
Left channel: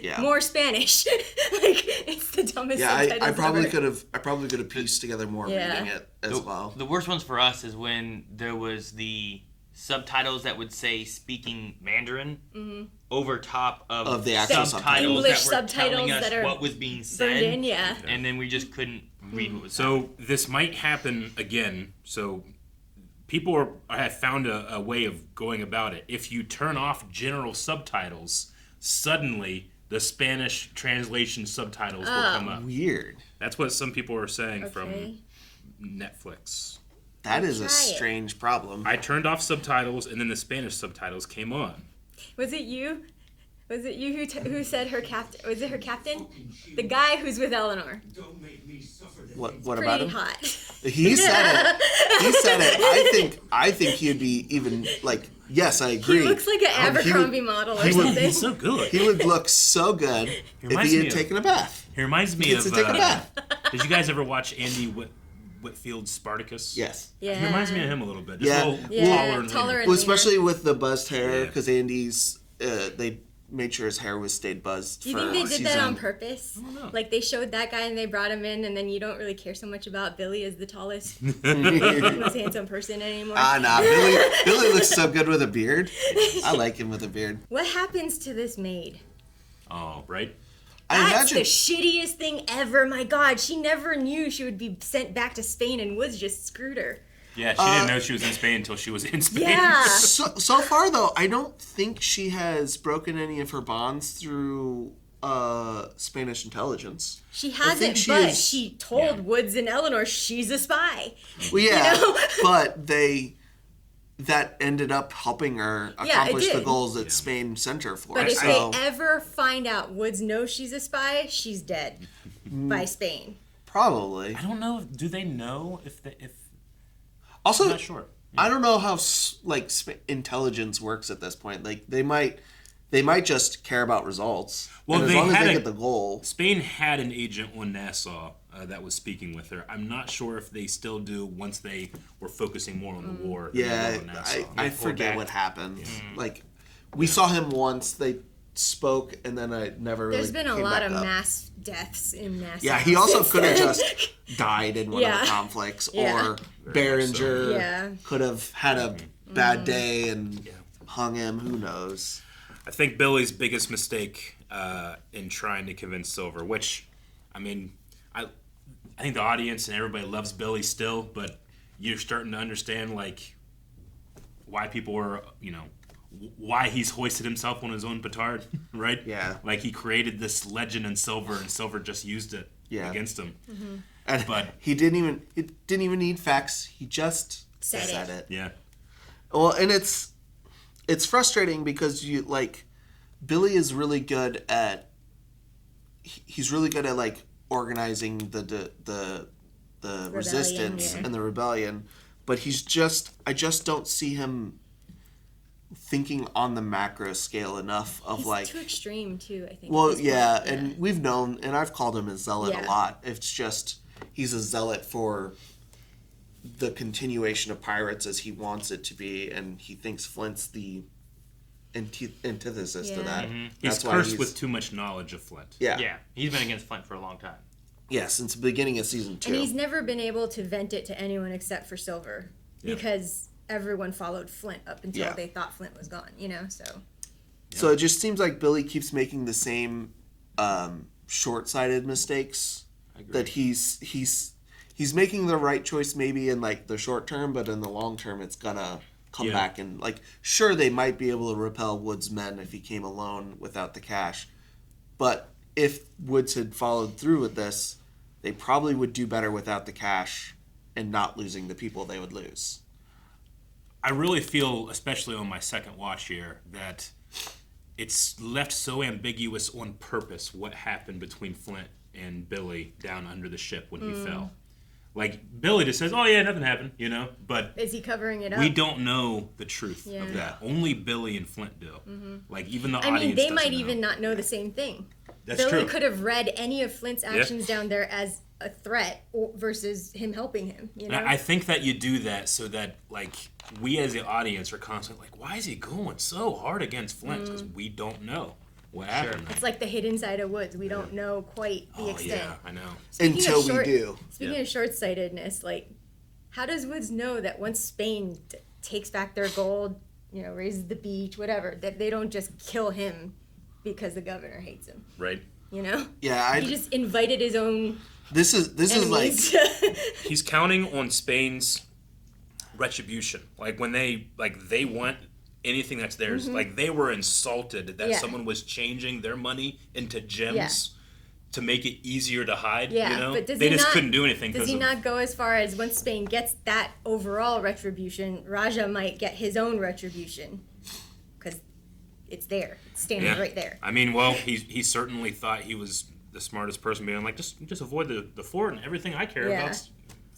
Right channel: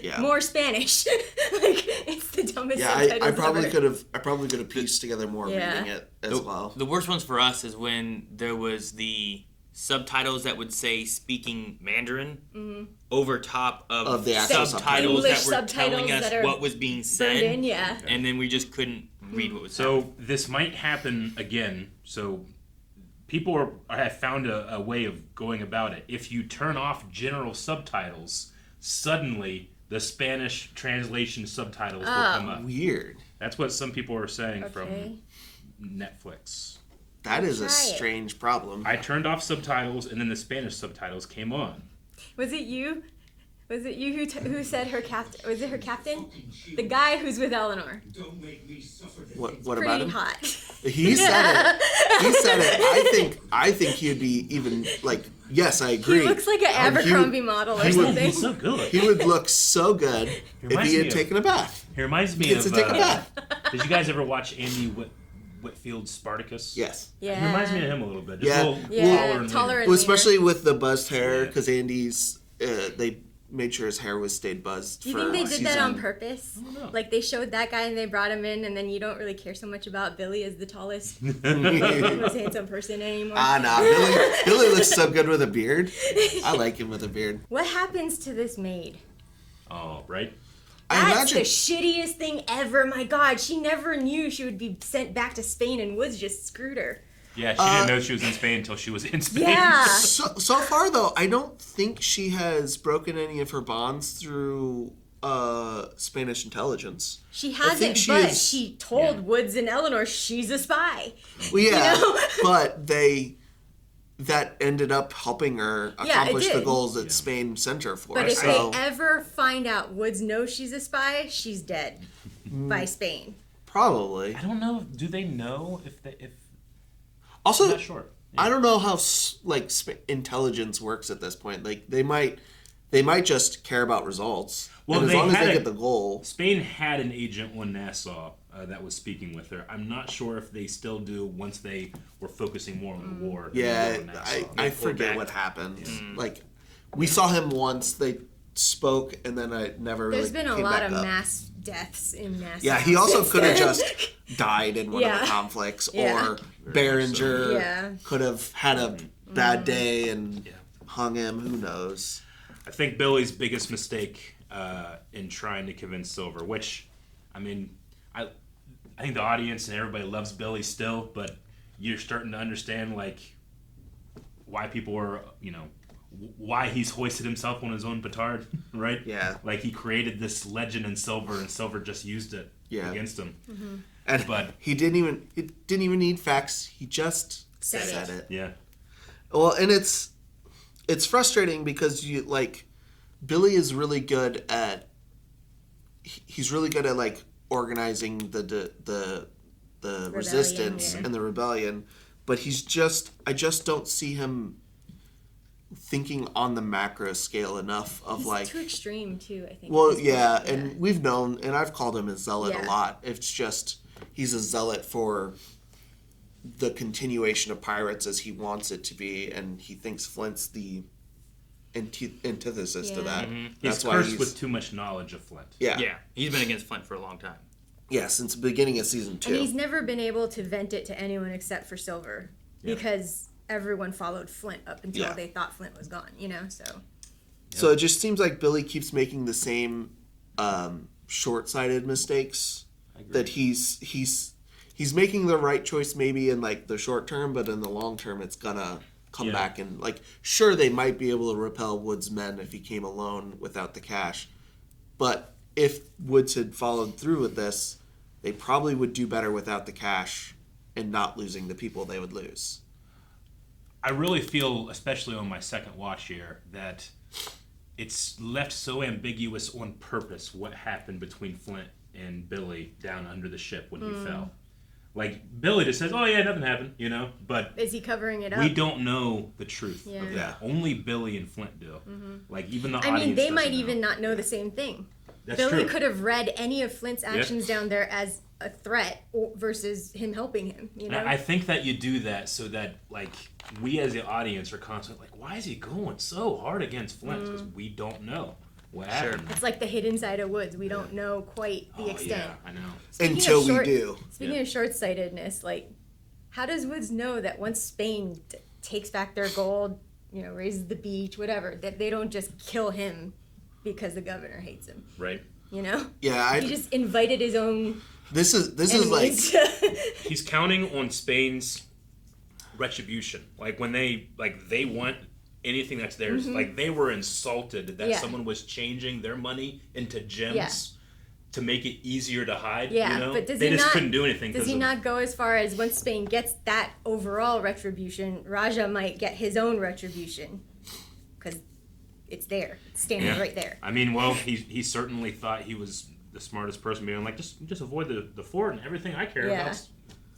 Yeah. More Spanish. It's the dumbest subtitles I probably ever. I probably could have pieced together more reading it as well. The worst ones for us is when there was the subtitles that would say speaking Mandarin over top of the actual subtitles English that were telling subtitles us what was being said. In, yeah. And then we just couldn't read what was So this might happen again. So people have found a way of going about it. If you turn off general subtitles, suddenly the Spanish translation subtitles will come up. Weird. That's what some people are saying from Netflix. That is a strange problem. I turned off subtitles, and then the Spanish subtitles came on. Was it you? Was it you who said her captain? Was it her captain? The guy who's with Eleanor. What Pretty about him? hot. He said it. He said it. I think he'd be even like. Yes, I agree. He looks like an Abercrombie model or something. He's so good. He would look so good if he had taken a bath. He reminds me Gets of. to take a bath. Did you guys ever watch Andy Whitfield's Spartacus? Yes. Yeah. He reminds me of him a little bit. Just Yeah. a little taller and well, especially with the buzzed hair, because Andy's they made sure his hair was stayed buzzed. Do you think they did that on purpose? Like they showed that guy and they brought him in, and then you don't really care so much about Billy as the tallest, most handsome person anymore. Nah. Billy looks so good with a beard. I like him with a beard. What happens to this maid? Oh, right. That's the shittiest thing ever. My God, she never knew she would be sent back to Spain, and Woods just screwed her. Yeah, she didn't know she was in Spain until she was in Spain. Yeah. So far, though, I don't think she has broken any of her bonds through Spanish intelligence. She hasn't, but she told Woods and Eleanor she's a spy. Well, yeah, You know? but that ended up helping her accomplish the goals that Spain sent her for. But if they ever find out Woods knows she's a spy, she's dead by Spain. Probably. I don't know. Do they know if? Also, I'm not sure. I don't know how intelligence works at this point. Like they might just care about results. Well, and they as long as had they get the goal. Spain had an agent on Nassau that was speaking with her. I'm not sure if they still do once they were focusing more on the war. than they Yeah, were on Nassau. I forget what happened. Like we saw him once. They spoke, and then I never. There's really been a came lot back of up. mass deaths in Nassau. Yeah, he also since could have then. just died in one of the conflicts, or Behringer could have had a bad day and hung him. Who knows? I think Billy's biggest mistake in trying to convince Silver, which, I mean, I think the audience and everybody loves Billy still, but you're starting to understand like why people are, why he's hoisted himself on his own petard, right? Yeah. Like he created this legend in Silver, and Silver just used it against him. Mm-hmm. And he didn't even need facts. He just said it. Yeah. Well, and it's frustrating because Billy is really good at like organizing the resistance and the rebellion, but I just don't see him thinking on the macro scale enough of He's too extreme too, I think. Well, yeah, and we've known, and I've called him a zealot Yeah. a lot. It's just he's a zealot for the continuation of pirates as he wants it to be, and he thinks Flint's the antithesis to that. He's That's why cursed with too much knowledge of Flint. Yeah. Yeah, he's been against Flint for a long time. Yeah, since the beginning of season 2. And he's never been able to vent it to anyone except for Silver, because everyone followed Flint up until they thought Flint was gone. So it just seems like Billy keeps making the same short-sighted mistakes. That he's making the right choice maybe in like the short term, but in the long term it's gonna come back and like sure they might be able to repel Woods' men if he came alone without the cash, but if Woods had followed through with this, they probably would do better without the cash and not losing the people they would lose. I really feel, especially on my second watch here, that it's left so ambiguous on purpose what happened between Flint and Billy down under the ship when he fell. Like, Billy just says, oh yeah, nothing happened, but... Is he covering it up? We don't know the truth Yeah. of that. Only Billy and Flint do. Mm-hmm. Like, even the I mean, audience they doesn't might know. even not know the same thing. That's Billy true. could have read any of Flint's actions down there as a threat versus him helping him, I think that you do that so that, like, we as the audience are constantly like, why is he going so hard against Flint? Because we don't know what happened. It's like the hidden side of Woods. We don't know quite the extent. Yeah, I know. Until we do. Speaking of short-sightedness, like, how does Woods know that once Spain takes back their gold, raises the beach, whatever, that they don't just kill him because the governor hates him? Right. Yeah, he just invited his own. This is like he's counting on Spain's retribution. Like when they want anything that's theirs. Like, they were insulted that someone was changing their money into gems to make it easier to hide. Yeah, you know? but they just couldn't do anything. Does he not go as far as once Spain gets that overall retribution, Raja might get his own retribution? Because it's there. It's standing right there. I mean, well, he certainly thought he was the smartest person, being like, just avoid the fort and everything I care about.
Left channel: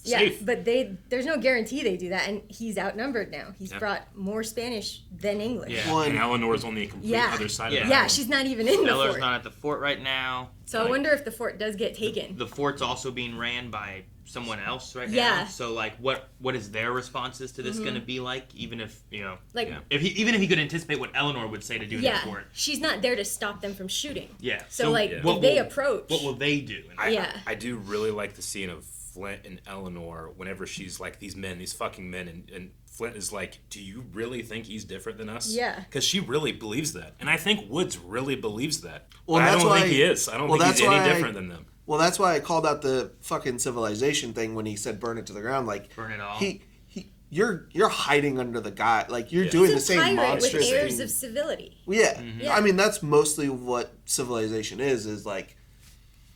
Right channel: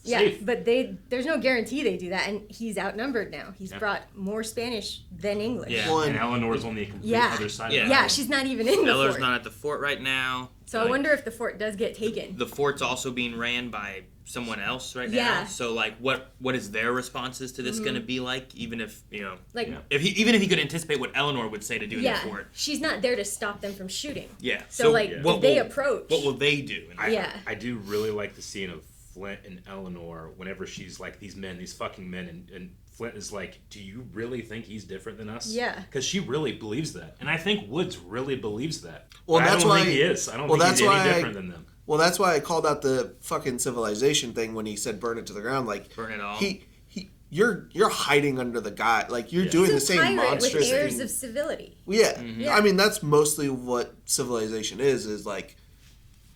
Yeah, but there's no guarantee they do that, and he's outnumbered now. He's brought more Spanish than English. Yeah. Well, and Eleanor's on the complete other side of it. Yeah, she's not even in the Eleanor's fort. not at the fort right now. So I wonder if the fort does get taken. The fort's also being ran by someone else right now. Yeah. So like, what is their responses to this going to be like? Even if like, if he could anticipate what Eleanor would say to do in the fort. She's not there to stop them from shooting. Yeah. So like, if they approach, what will they do? I do really like the scene of Flint and Eleanor whenever she's like, these fucking men, and Flint is like, do you really think he's different than us? Yeah. Because she really believes that. And I think Woodes really believes that. Well, I that's don't why, think he is. I don't think he's any different than them. Well, that's why I called out the fucking civilization thing when he said burn it to the ground. Like, burn it all. You're hiding under the guy. Like, you're doing the same pirate monstrous with airs thing. of civility. Yeah. I mean, that's mostly what civilization is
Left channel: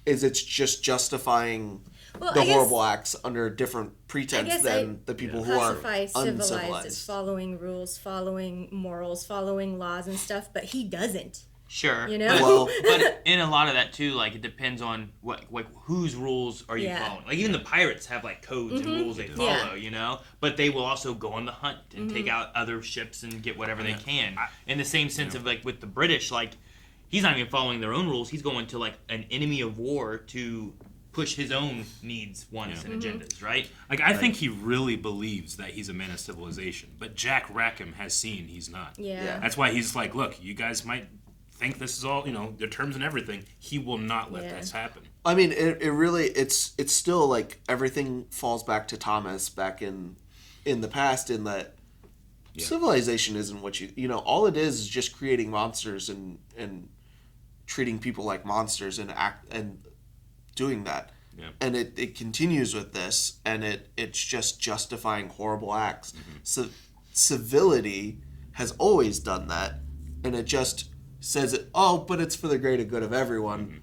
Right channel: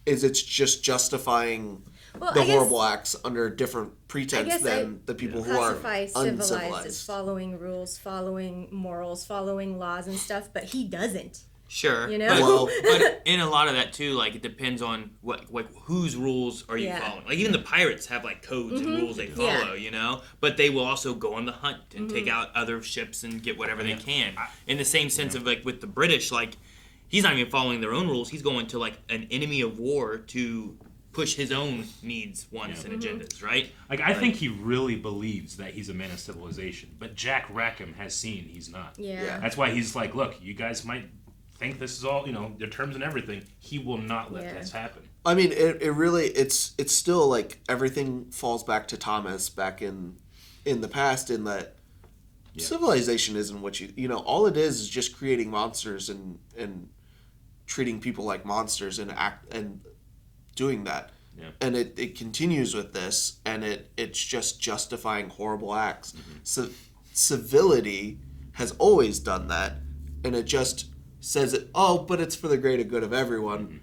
it's just justifying the horrible acts under a different pretense than the people who are civilized uncivilized. as following rules, following morals, following laws and stuff, but he doesn't. Sure, you know. But in a lot of that too, like, it depends on what whose rules are you following. Like, even the pirates have like codes and rules they follow, you know. But they will also go on the hunt and take out other ships and get whatever they can. In the same sense of like with the British, like, he's not even following their own rules. He's going to like an enemy of war to push his own needs, wants, and agendas, right? Like, I think he really believes that he's a man of civilization, but Jack Rackham has seen he's not. Yeah. That's why he's like, look, you guys might think this is all, their terms and everything. He will not let this happen. I mean, it really, it's still like everything falls back to Thomas back in the past, in that civilization isn't what all it is just creating monsters and treating people like monsters and doing that. Yeah. And it continues with this, and it's just justifying horrible acts. So civility has always done that, and it just says but it's for the greater good of everyone.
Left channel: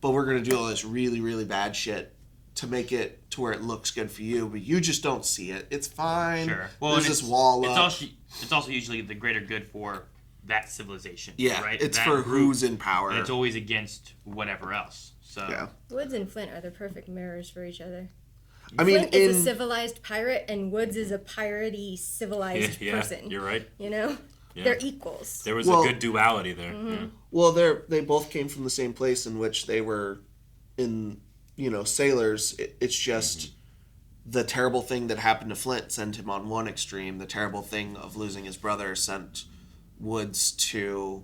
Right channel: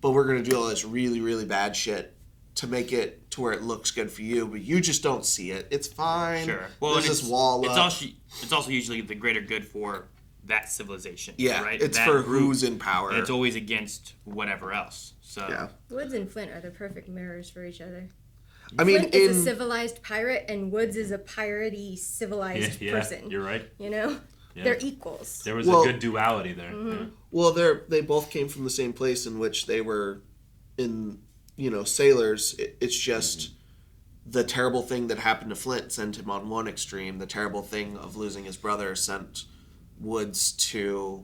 But we're going to do all this really, really bad shit to make it to where it looks good for you, but you just don't see it. It's fine. Sure. Well, there's this wall up. It's also usually the greater good for that civilization. Yeah, right? it's that for who's in power. And it's always against whatever else. So Woodes and Flint are the perfect mirrors for each other. I mean, Flint is a civilized pirate, and Woodes is a piratey civilized person. You're right. Yeah. They're equals. There was a good duality there. Well, they both came from the same place in which they were sailors. It's just the terrible thing that happened to Flint sent him on one extreme. The terrible thing of losing his brother sent Woodes to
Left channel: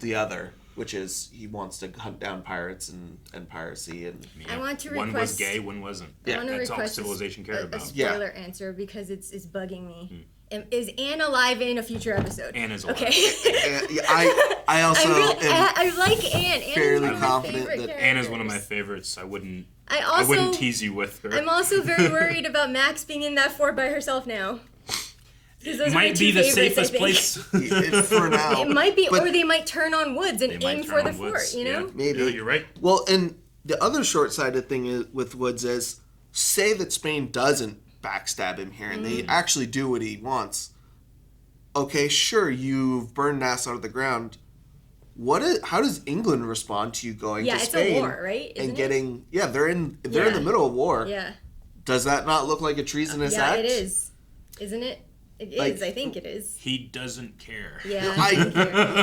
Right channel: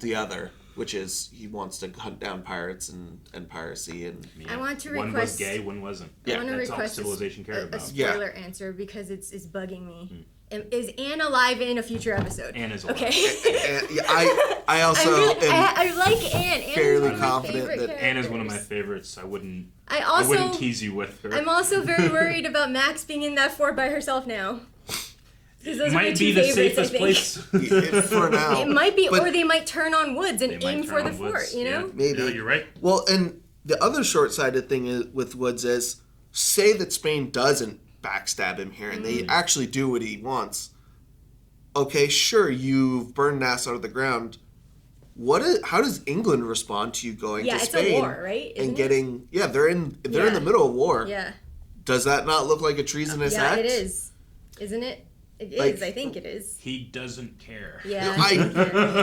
the other, which is he wants to hunt down pirates and piracy. And I want to one was gay, one wasn't. I want to That's request all civilization cared about. a spoiler answer, because it's bugging me. Is Anne alive in a future episode? Anne is alive. Okay. I also I like Anne. Anne fairly is one of my confident favorite that Anne is one of my favorites. I wouldn't tease you with her. I'm also very worried about Max being in that fort by herself now. It might be the safest place for now. It might be, or they might turn on Woodes and aim for the fort. Maybe. Yeah, you're right. Well, and the other short-sighted thing with Woodes is, say that Spain doesn't backstab him here and they actually do what he wants. Okay, sure, you've burned Nassau to the ground. How does England respond to you going to Spain? It's a war, right? Isn't getting they're in the middle of war. Yeah. Does that not look like a treasonous act? Yeah, it is. Isn't it? It is. I think it is. He doesn't care. Yeah.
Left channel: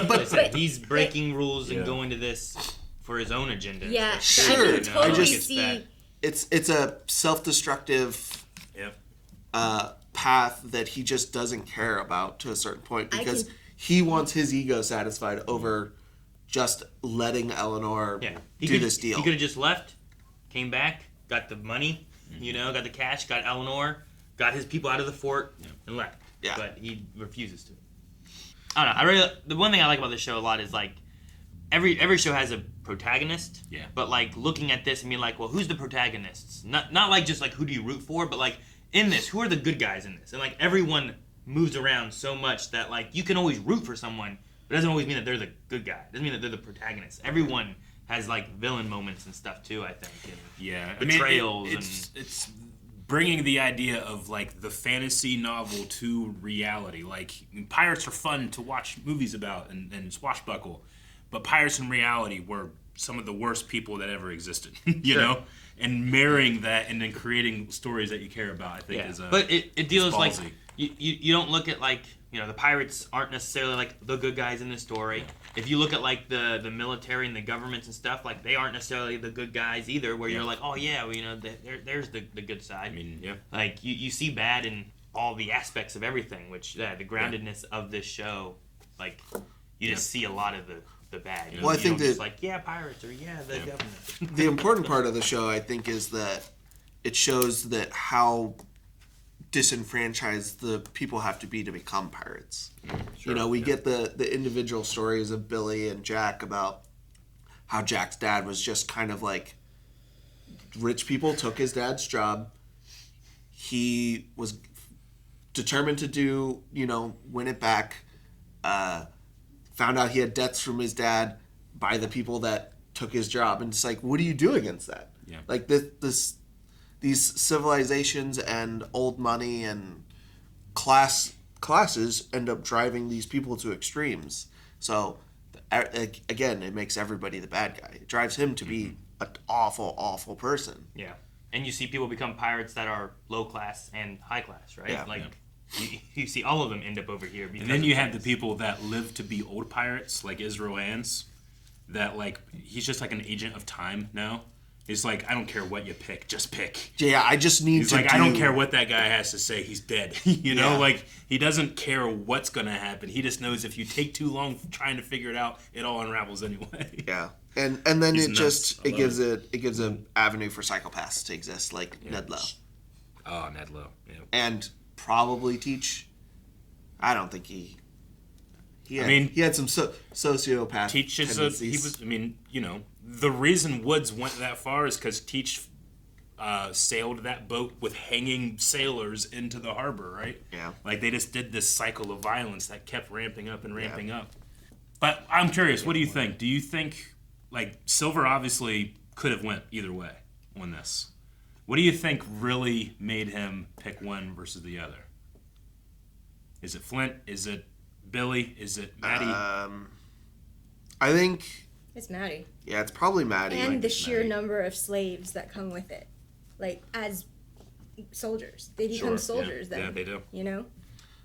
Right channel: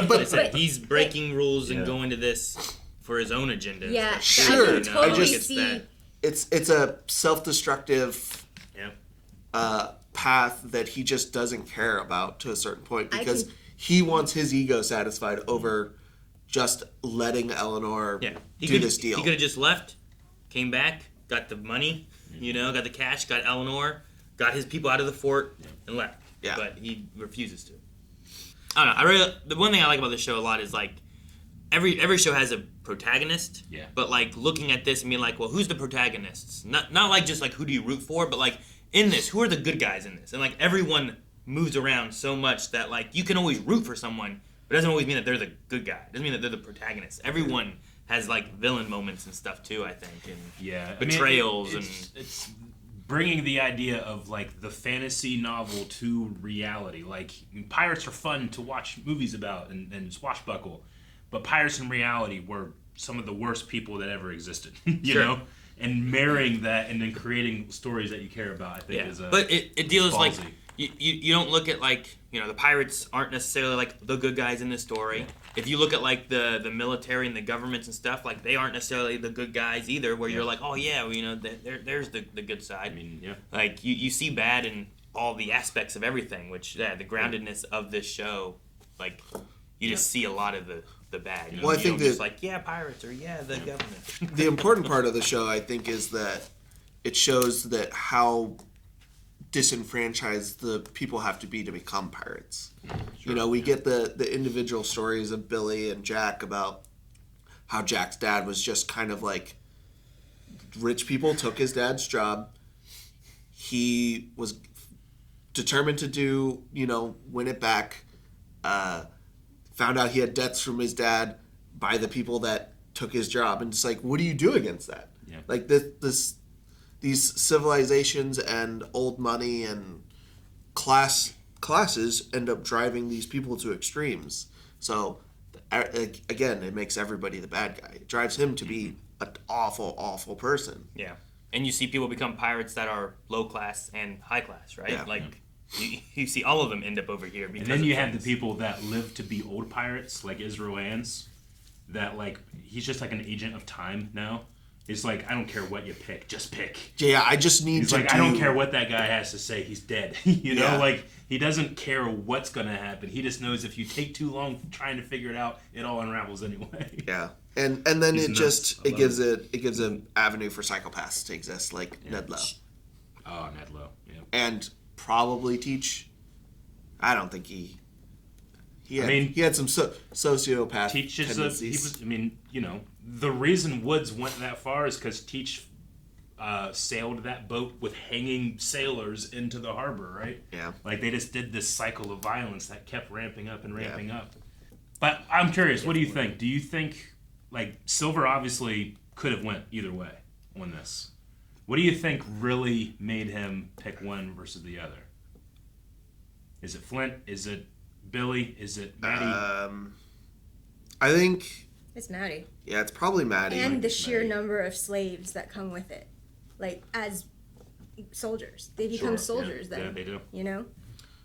But he's breaking rules and going to this for his own agenda. Yeah. Sure. I can totally see. It's a self-destructive path that he just doesn't care about to a certain point, because he wants his ego satisfied over just letting Eleanor do this deal. He could have just left, came back, got the money, got the cash, got Eleanor, got his people out of the fort, and left. Yeah. But he refuses to. I don't know. The one thing I like about this show a lot is, like, every show has a protagonist. Yeah. But, like, looking at this and being like, well, who's the protagonists? Not like just like who do you root for, but like in this, who are the good guys in this? And like everyone moves around so much that like you can always root for someone, but it doesn't always mean that they're the good guy. It doesn't mean that they're the protagonist. Everyone has like villain moments and stuff too, I think, and betrayals. It's bringing the idea of like the fantasy novel to reality. Like pirates are fun to watch movies about and swashbuckle, but pirates in reality were some of the worst people that ever existed. you know, and marrying that and then creating stories that you care about, I think is but it deals like you don't look at like, you know, the pirates aren't necessarily like the good guys in this story. If you look at like the military and the governments and stuff, like they aren't necessarily the good guys either. Where you're like, oh yeah, well, you know, there's the good side. I mean, like you see bad in all the aspects of everything, which the groundedness of this show, like you just see a lot of the bad. You know? Well, I think that like pirates or the government. The important part of the show, I think, is that it shows that how disenfranchised the people have to be to become pirates. Sure, you know, we get the individual stories of Billy and Jack about how Jack's dad was just kind of like rich people took his dad's job. He was determined to do, you know, win it back. Found out he had debts from his dad by the people that took his job, and it's like, what do you do against that? Yeah. Like these civilizations and old money and classes end up driving these people to extremes. So again, it makes everybody the bad guy. It drives him to be an awful person. Yeah, and you see people become pirates that are low class and high class, right? Yeah. Like you see all of them end up over here. And then you have the people that live to be old pirates, like Israel Ann's, that like he's just like an agent of time now. He's like, I don't care what you pick, just pick. Yeah, I just need He's to like, I don't care what that guy has to say, he's dead. you know, Yeah. like he doesn't care what's gonna happen. He just knows if you take too long trying to figure it out, it all unravels anyway. Yeah. And then He's it nuts. just I it love gives it gives an avenue for psychopaths to exist, like Ned Lowe. Oh, Ned Lowe. Yeah. And probably Teach. I don't think he had, he had some sociopath Teach is tendencies. I mean, you know, the reason Woods went that far is because Teach sailed that boat with hanging sailors into the harbor, right? Yeah. Like they just did this cycle of violence that kept ramping up and ramping up. But I'm curious, what do you think? Do you think, like, Silver obviously could have went either way on this. What do you think really made him pick one versus the other? Is it Flint? Is it Billy? Is it Maddie? I think It's Maddie. Yeah, it's probably Maddie. And the sheer number of slaves that come with it. Like, as soldiers. They become soldiers then. Yeah, they do. You know?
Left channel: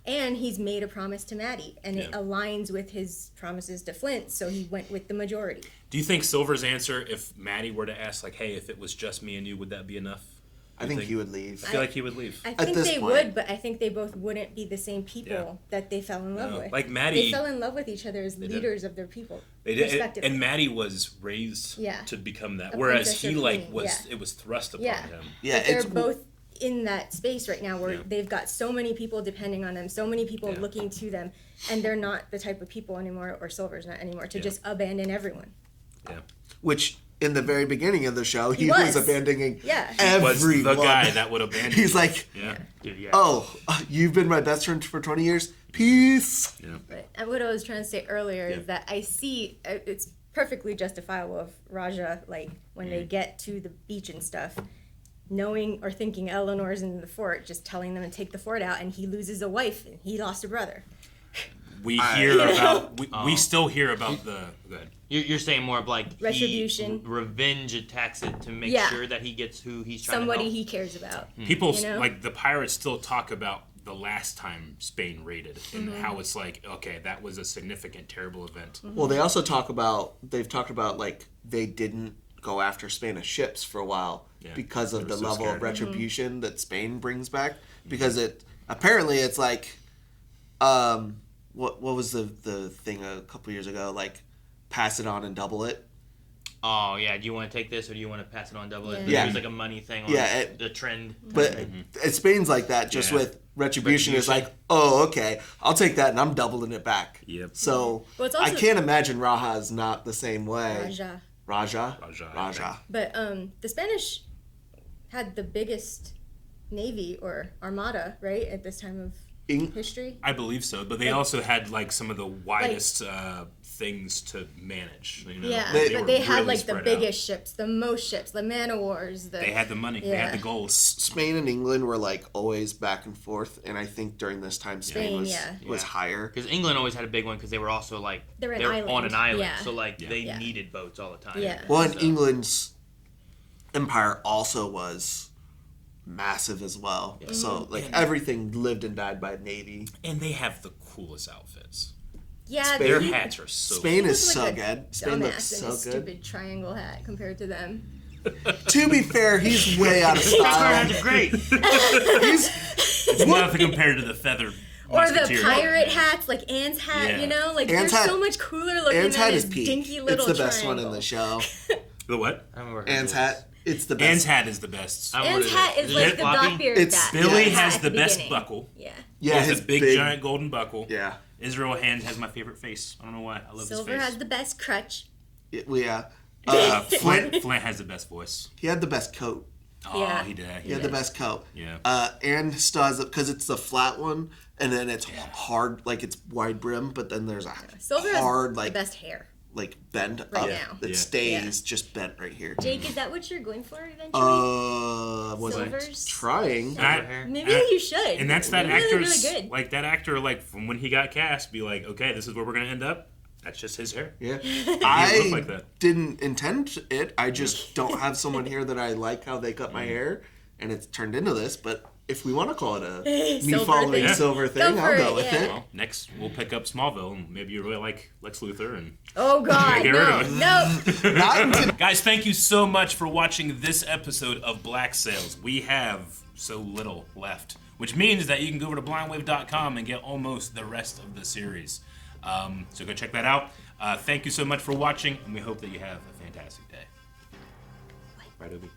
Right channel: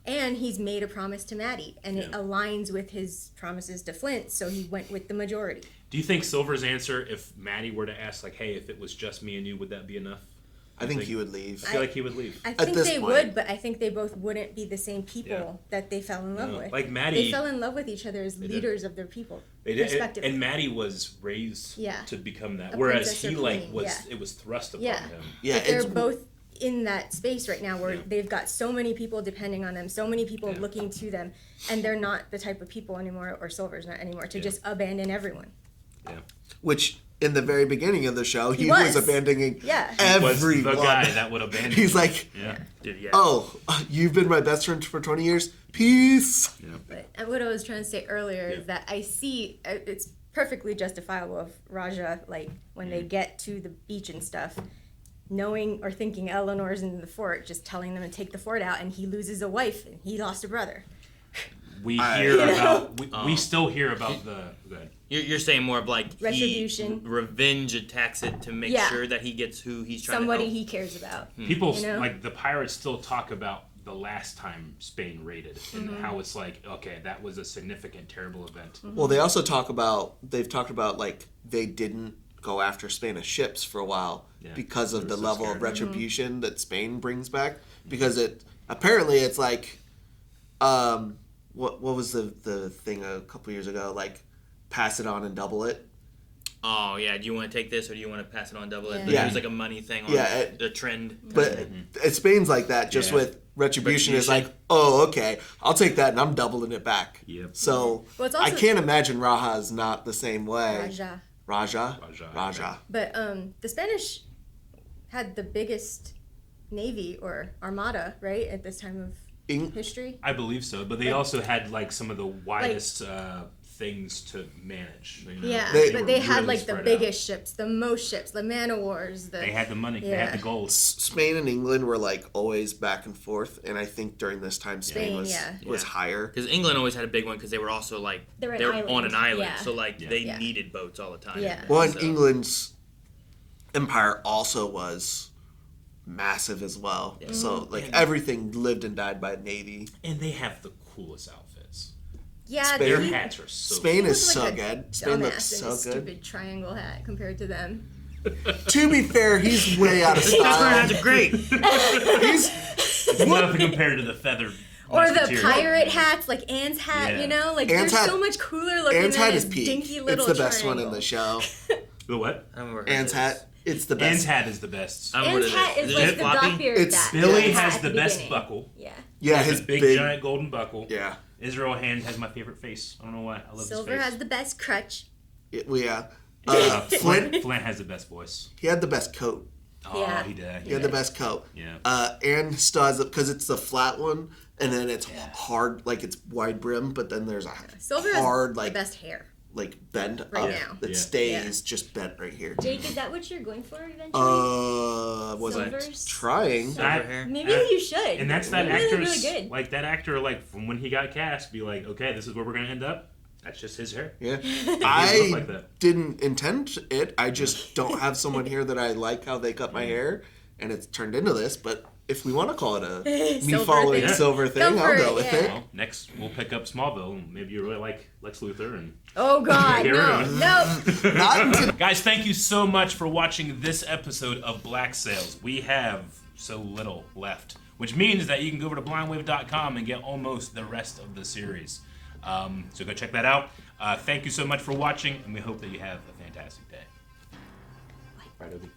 And he's made a promise to Maddie, and it aligns with his promises to Flint, so he went with the majority. Do you think Silver's answer, if Maddie were to ask, like, hey, if it was just me and you, would that be enough? I think he would leave. I feel like he would leave. I think they would, but I think they both wouldn't be the same people that they fell in love No. with. Like Maddie- They fell in love with each other as They did. leaders of their people. They did, respectively. and Maddie was raised to become that, A whereas princess he or like queen, was it was thrust upon Yeah. him. But they're both in that space right now where they've got so many people depending on them, so many people looking to them, and they're not the type of people anymore, or Silver's not anymore, to just abandon everyone. Which, in the very beginning of the show, he was. was abandoning He was everyone. the guy that would abandon. He's you. like, yeah. oh, you've been my best friend for 20 years? Peace. But what I was trying to say earlier is that I see it's perfectly justifiable of Raja, like when they get to the beach and stuff, knowing or thinking Eleanor's in the fort, just telling them to take the fort out, and he loses a wife and he lost a brother. We hear about we still hear about the You're saying more of like Retribution. he revenge attacks it to make Yeah. sure that he gets who he's trying Somebody to help. he cares about. people You know? like the pirates still talk about the last time Spain raided and Mhm. how it's like, okay, that was a significant terrible event. Well, they also talked about like they didn't go after Spanish ships for a while because of They the were so level scared. of retribution that Spain brings back. Because apparently it's like, what was the thing a couple years ago, like pass it on and double it. Oh yeah, do you want to take this or do you want to pass it on double it? Yeah. It was like a money thing or a trend. But Spain's like that, just Yeah. with retribution is like, oh, okay, I'll take that and I'm doubling it back. Yep. So Well, it's also- I can't imagine Raja is not the same way. Raja. Raja. But the Spanish had the biggest navy or armada, right, at this time of history? I believe so, but they also had like some of the widest things to manage. You know? Yeah, were they had really like the spread out. biggest ships, the most ships, the man o' wars. They had the money. They had the gold. Spain and England were like always back and forth, and I think during this time Spain was higher. Because England always had a big one because they were also like They were on an island, yeah. so like they needed boats all the time. Yeah. Well, and England's empire also was massive as well. Yeah. So like everything lived and died by navy. And they have the coolest outfits. Yeah, their hats are so Spain cool. is He so was like a good. Spain looks dumbass in so a good. stupid triangle hat compared to them. To be fair, he's way out of style. That's great. It's nothing compared to the feather. Or the musketeer. pirate hats, like Anne's hat, Yeah. you know? Like, Anne's they're hat- so much cooler looking Anne's than hat his is peak. dinky little It's the best triangle. one in the show. The what? I don't remember. Anne's hat. It's the best. Anne's hat is the best. Anne's hat is like the Blackbeard hat. Billy hat has at the best beginning. buckle. Yeah. Yeah, He has his a big giant golden buckle. Yeah. Israel Hand has my favorite face. I don't know why. I love Silver his face. has the best crutch. Yeah. Flint has the best voice. He had the best coat. Oh, Yeah. he did. He had the best coat. Yeah. And still has because it's the flat one, and then it's hard, like it's wide brim, but then there's a Silver hard, has like the best hair. like bend Right up now. that Yeah. stays just bent right here. Jake, is that what you're going for eventually? Was I Silvers? trying? Maybe you should. And that's that You're actor's really good. like that actor like from when he got cast be like, okay, this is where we're gonna end up. That's just his hair. Yeah. He look I like that. didn't intend it. I just don't have someone here that I like how they cut my hair, and it's turned into this. But if we want to call it a me Silver following thing. Silver Go thing, for I'll it, go with yeah. it. Well, next we'll pick up Smallville, and maybe you really like Lex Luthor and Oh God, get rid no, of it. no. Guys, thank you so much for watching this episode of Black Sails. We have so little left, which means that you can go over to blindwave.com and get almost the rest of the series. So go check that out. Thank you so much for watching, and we hope that you have a fantastic day. Right, Obi?